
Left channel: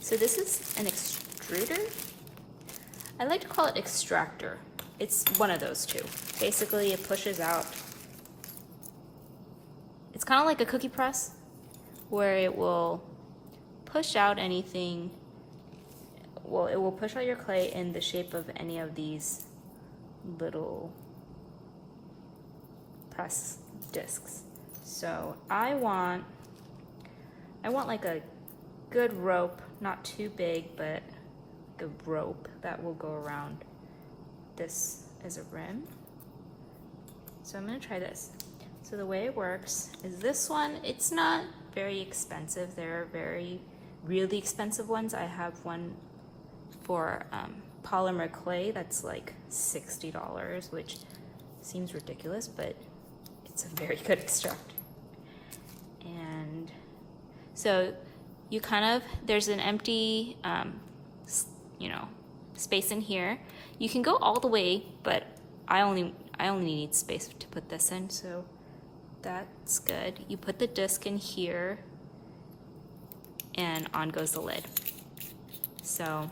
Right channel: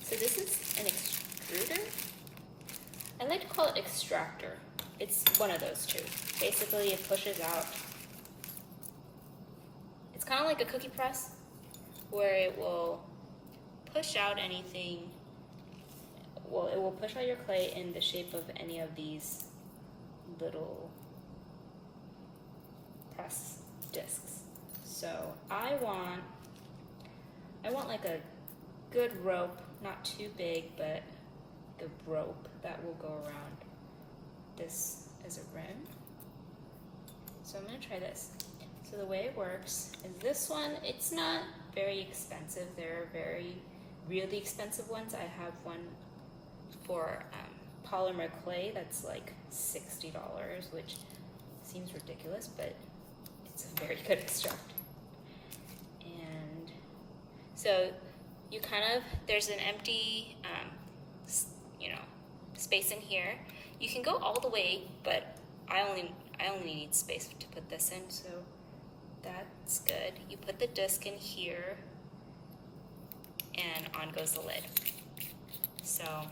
So this is an extruder. I like to call it extractor. It's one of those two. Basically, it pushes out. It's kind of like a cookie press, where it will push out anything. Well, it will push out your clay in the shape of any of these little press discs. So I want like a good rope, not too big, but the rope that will go around this as a rim. So I'm gonna try this. So the way it works is this one, it's not very expensive. There are really expensive ones. I have one for polymer clay that's like $60, which seems ridiculous, but it's a very good extractor. And so you there's an empty, space in here. You can go all the way, but I only need space to put this in, so that's good. You put the disc in here, and on goes the lid. So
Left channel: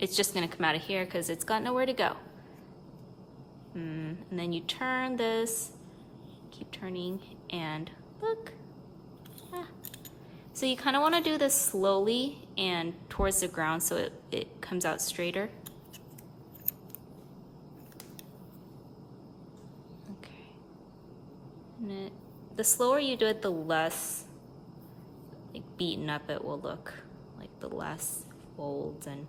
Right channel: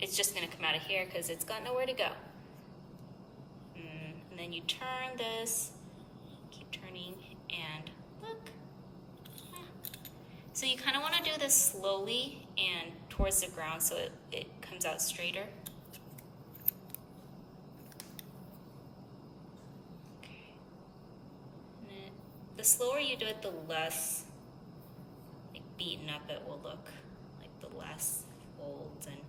it's just gonna come out of here because it's got nowhere to go. And then you turn this, keep turning, and look. So you kind of want to do this slowly and towards the ground so it comes out straighter. Okay. And the slower you do it, the less like beaten up it will look, like the less folds and.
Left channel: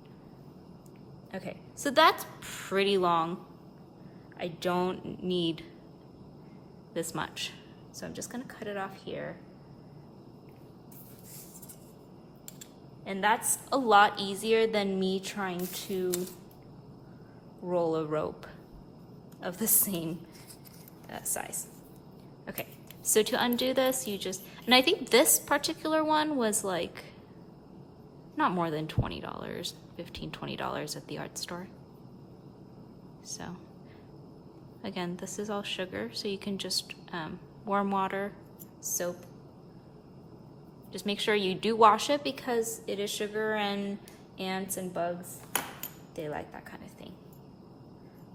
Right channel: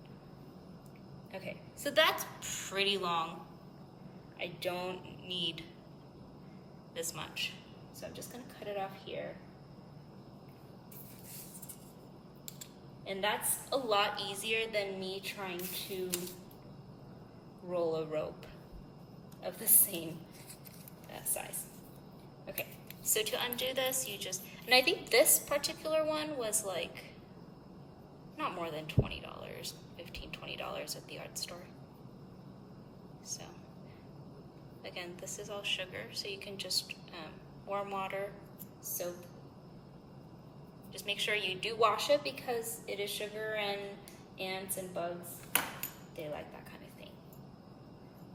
Okay, so that's pretty long. I don't need this much. So I'm just gonna cut it off here. And that's a lot easier than me trying to roll a rope of the same size. Okay, so to undo this, you just, and I think this particular one was like not more than $20, $15, $20 at the art store. So again, this is all sugar, so you can just warm water, soap. Just make sure you do wash it because it is sugar and ants and bugs. They like that kind of thing.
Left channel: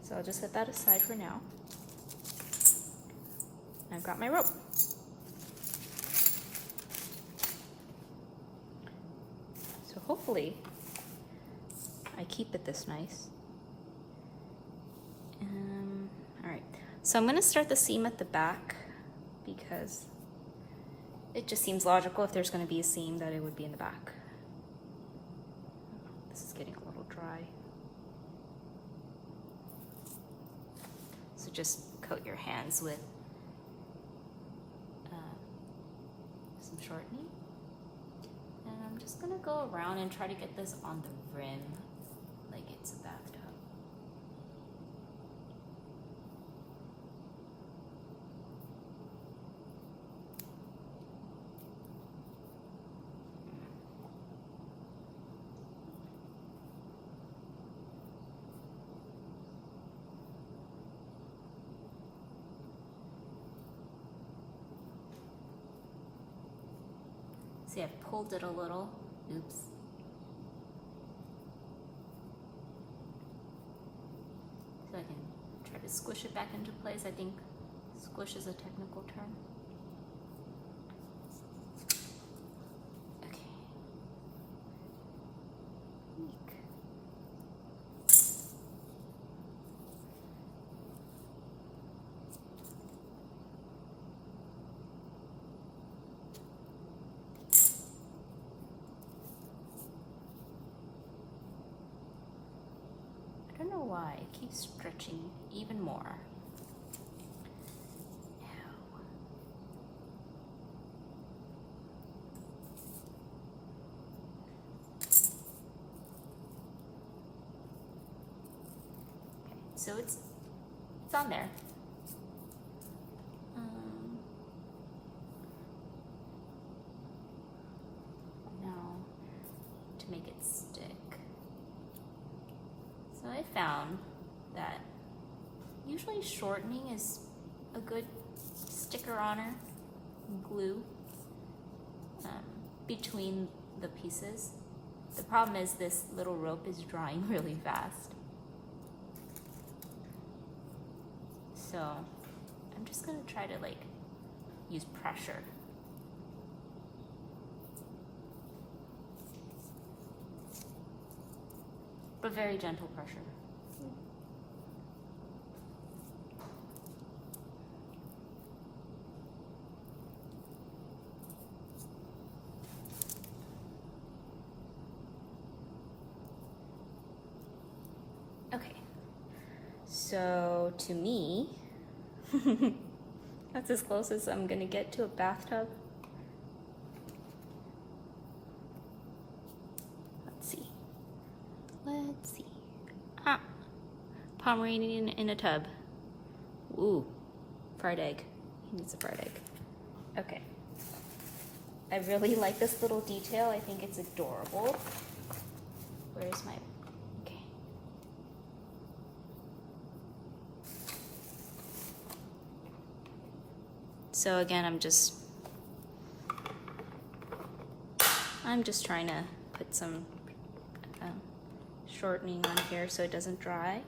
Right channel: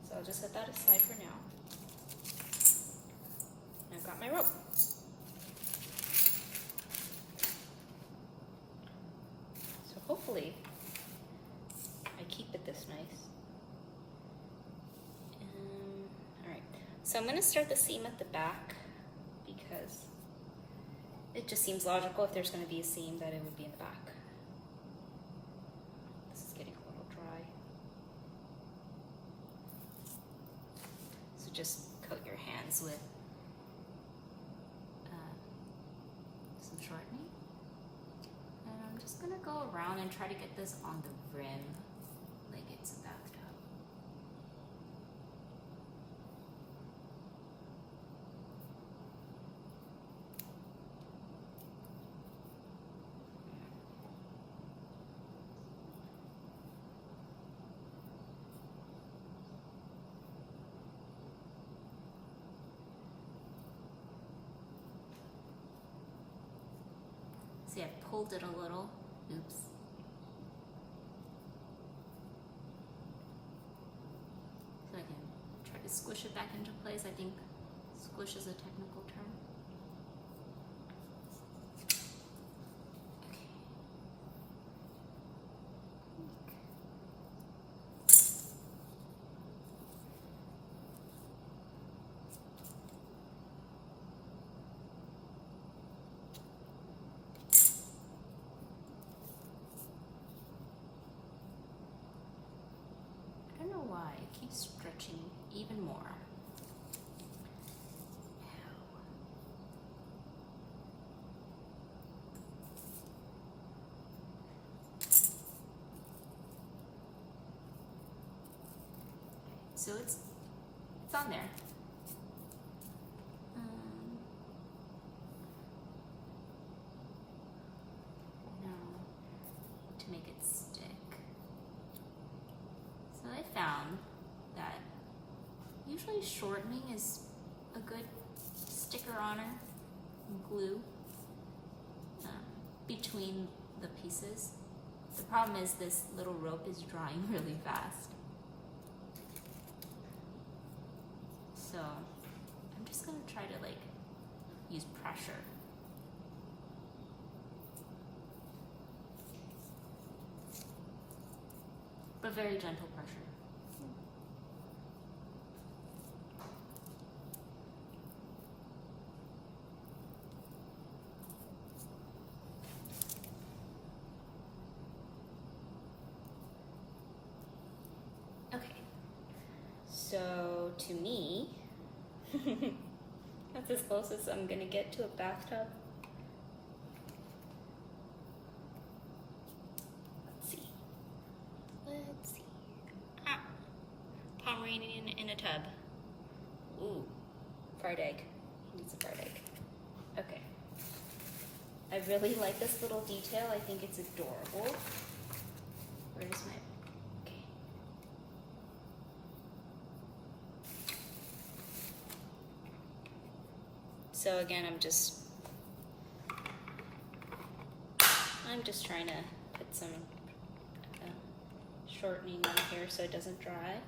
So I'll just set that aside for now. I've got my rope. So hopefully I keep it this nice. All right, so I'm gonna start the seam at the back because it just seems logical if there's going to be a seam that it would be in the back. This is getting a little dry. So just coat your hands with some shortening. And I'm just going to go around and try to get this on the rim like it's a bathtub. See, I pulled it a little. Oops. So I can try to squish it back into place. I think squish is a technical term. Okay. I don't know why it keeps stretching even more. Okay, so it's on there. Now to make it stick. So I found that usually shortening is a good sticker-oner glue between the pieces. The problem is this little rope is drying really fast. So I'm just gonna try to like use pressure. But very gentle pressure. Okay, so to me, that's as close as I'm gonna get to a bathtub. Let's see. Ah, Pomeranian in a tub. Ooh, fried egg. He needs a fried egg. Okay. I really like this little detail. I think it's adorable. Where's my... Okay. So again, I'm just trying to put some shortening on here so it doesn't dry.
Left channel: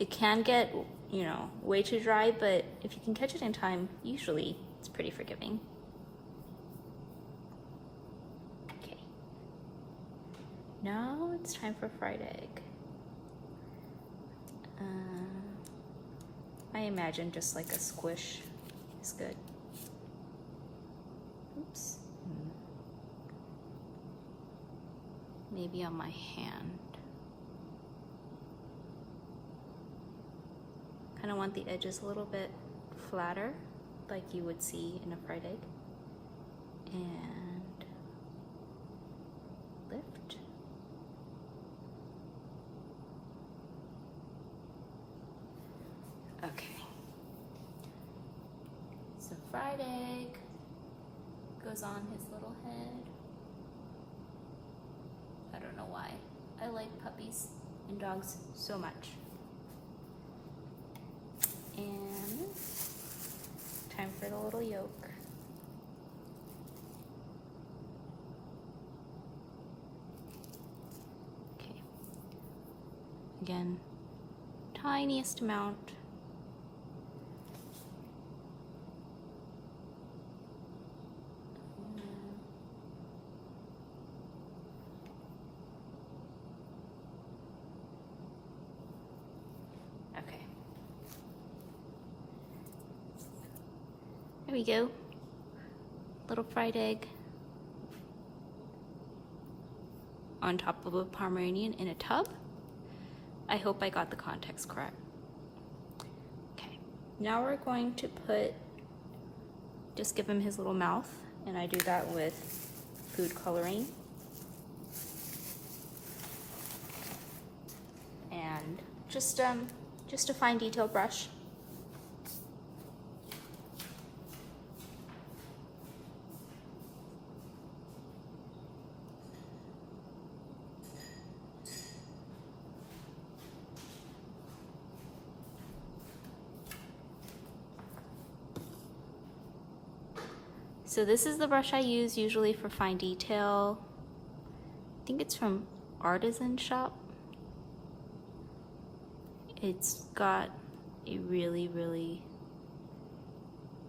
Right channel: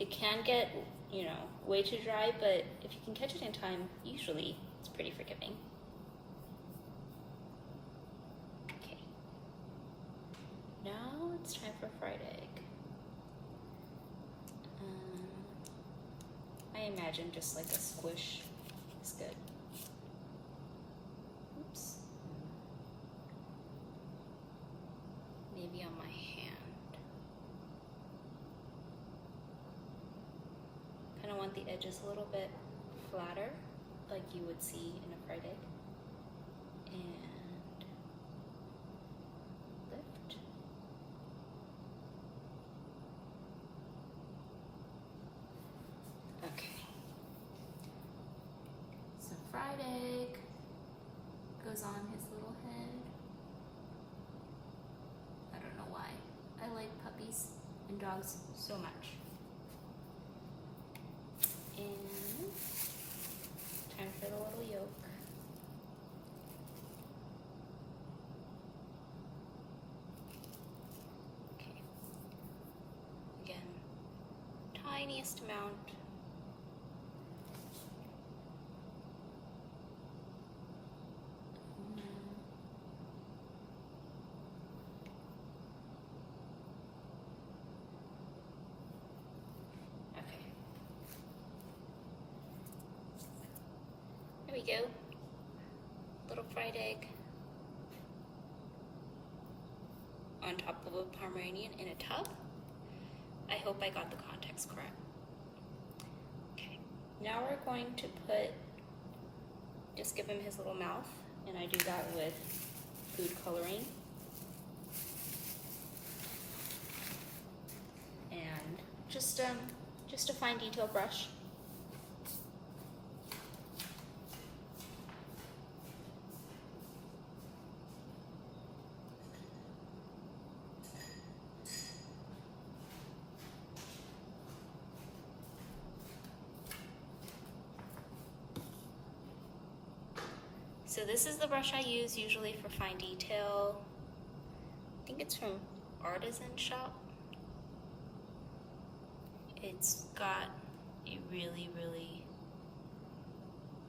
It can get, you know, way too dry, but if you can catch it in time, usually it's pretty forgiving. it's time for fried egg. I imagine just like a squish is good. Oops. Maybe on my hand. Kind of want the edges a little bit flatter, like you would see in a fried egg. And lift. Okay. So fried egg goes on his little head. I don't know why. I like puppies and dogs so much. And time for the little yolk. Okay. Again, tiniest amount. There we go. Little fried egg on top of a Pomeranian in a tub. I hope I got the context correct. Okay, now we're going to just give him his little mouth, and I do that with food coloring. And just a fine detail brush. So this is the brush I use usually for fine detail. I think it's from Artisan Shop. It's got a really, really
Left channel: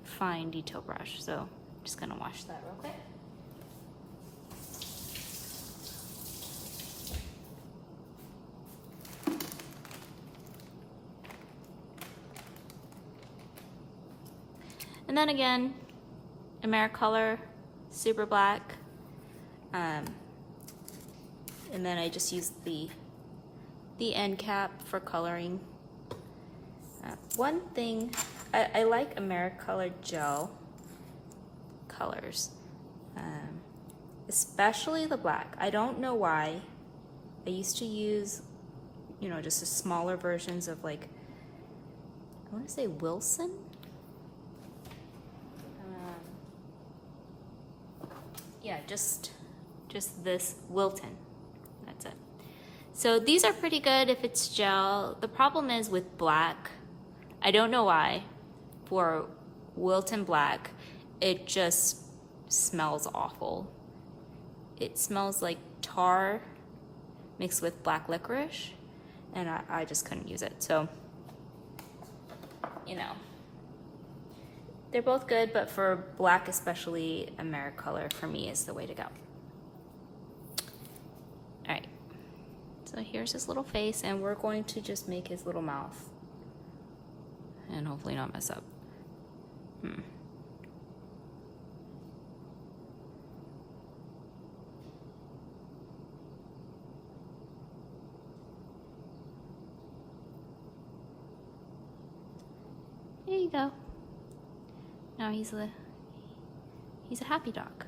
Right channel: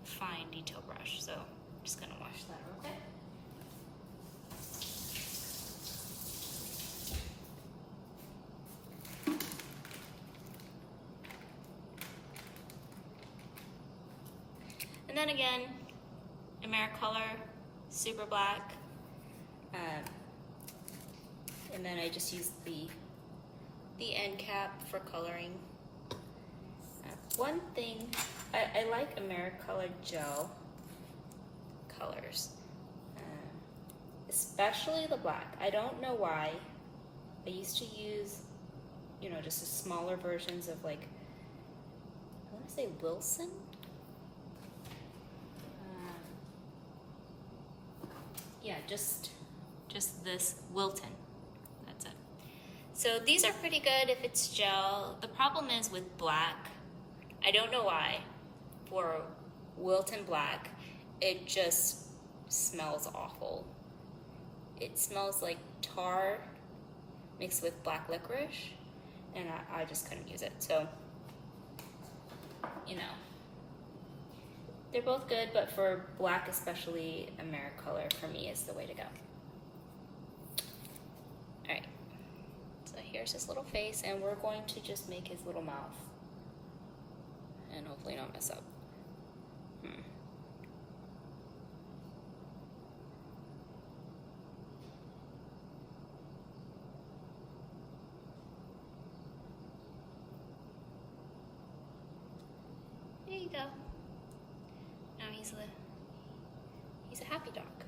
fine detail brush. So I'm just gonna wash that real quick. And then again, Americolor, super black. And then I just use the end cap for coloring. One thing, I like Americolor gel colors, especially the black. I don't know why. I used to use, just the smaller versions of, like, I want to say Wilson. Yeah, just this Wilton. That's it. So these are pretty good if it's gel. The problem is with black, I don't know why, for Wilton black, it just smells awful. It smells like tar mixed with black licorice, and I just couldn't use it. So, they're both good, but for black especially, Americolor for me is the way to go. All right, so here's his little face, and we're going to just make his little mouth and hopefully not mess up. There you go. Now he's a happy dog.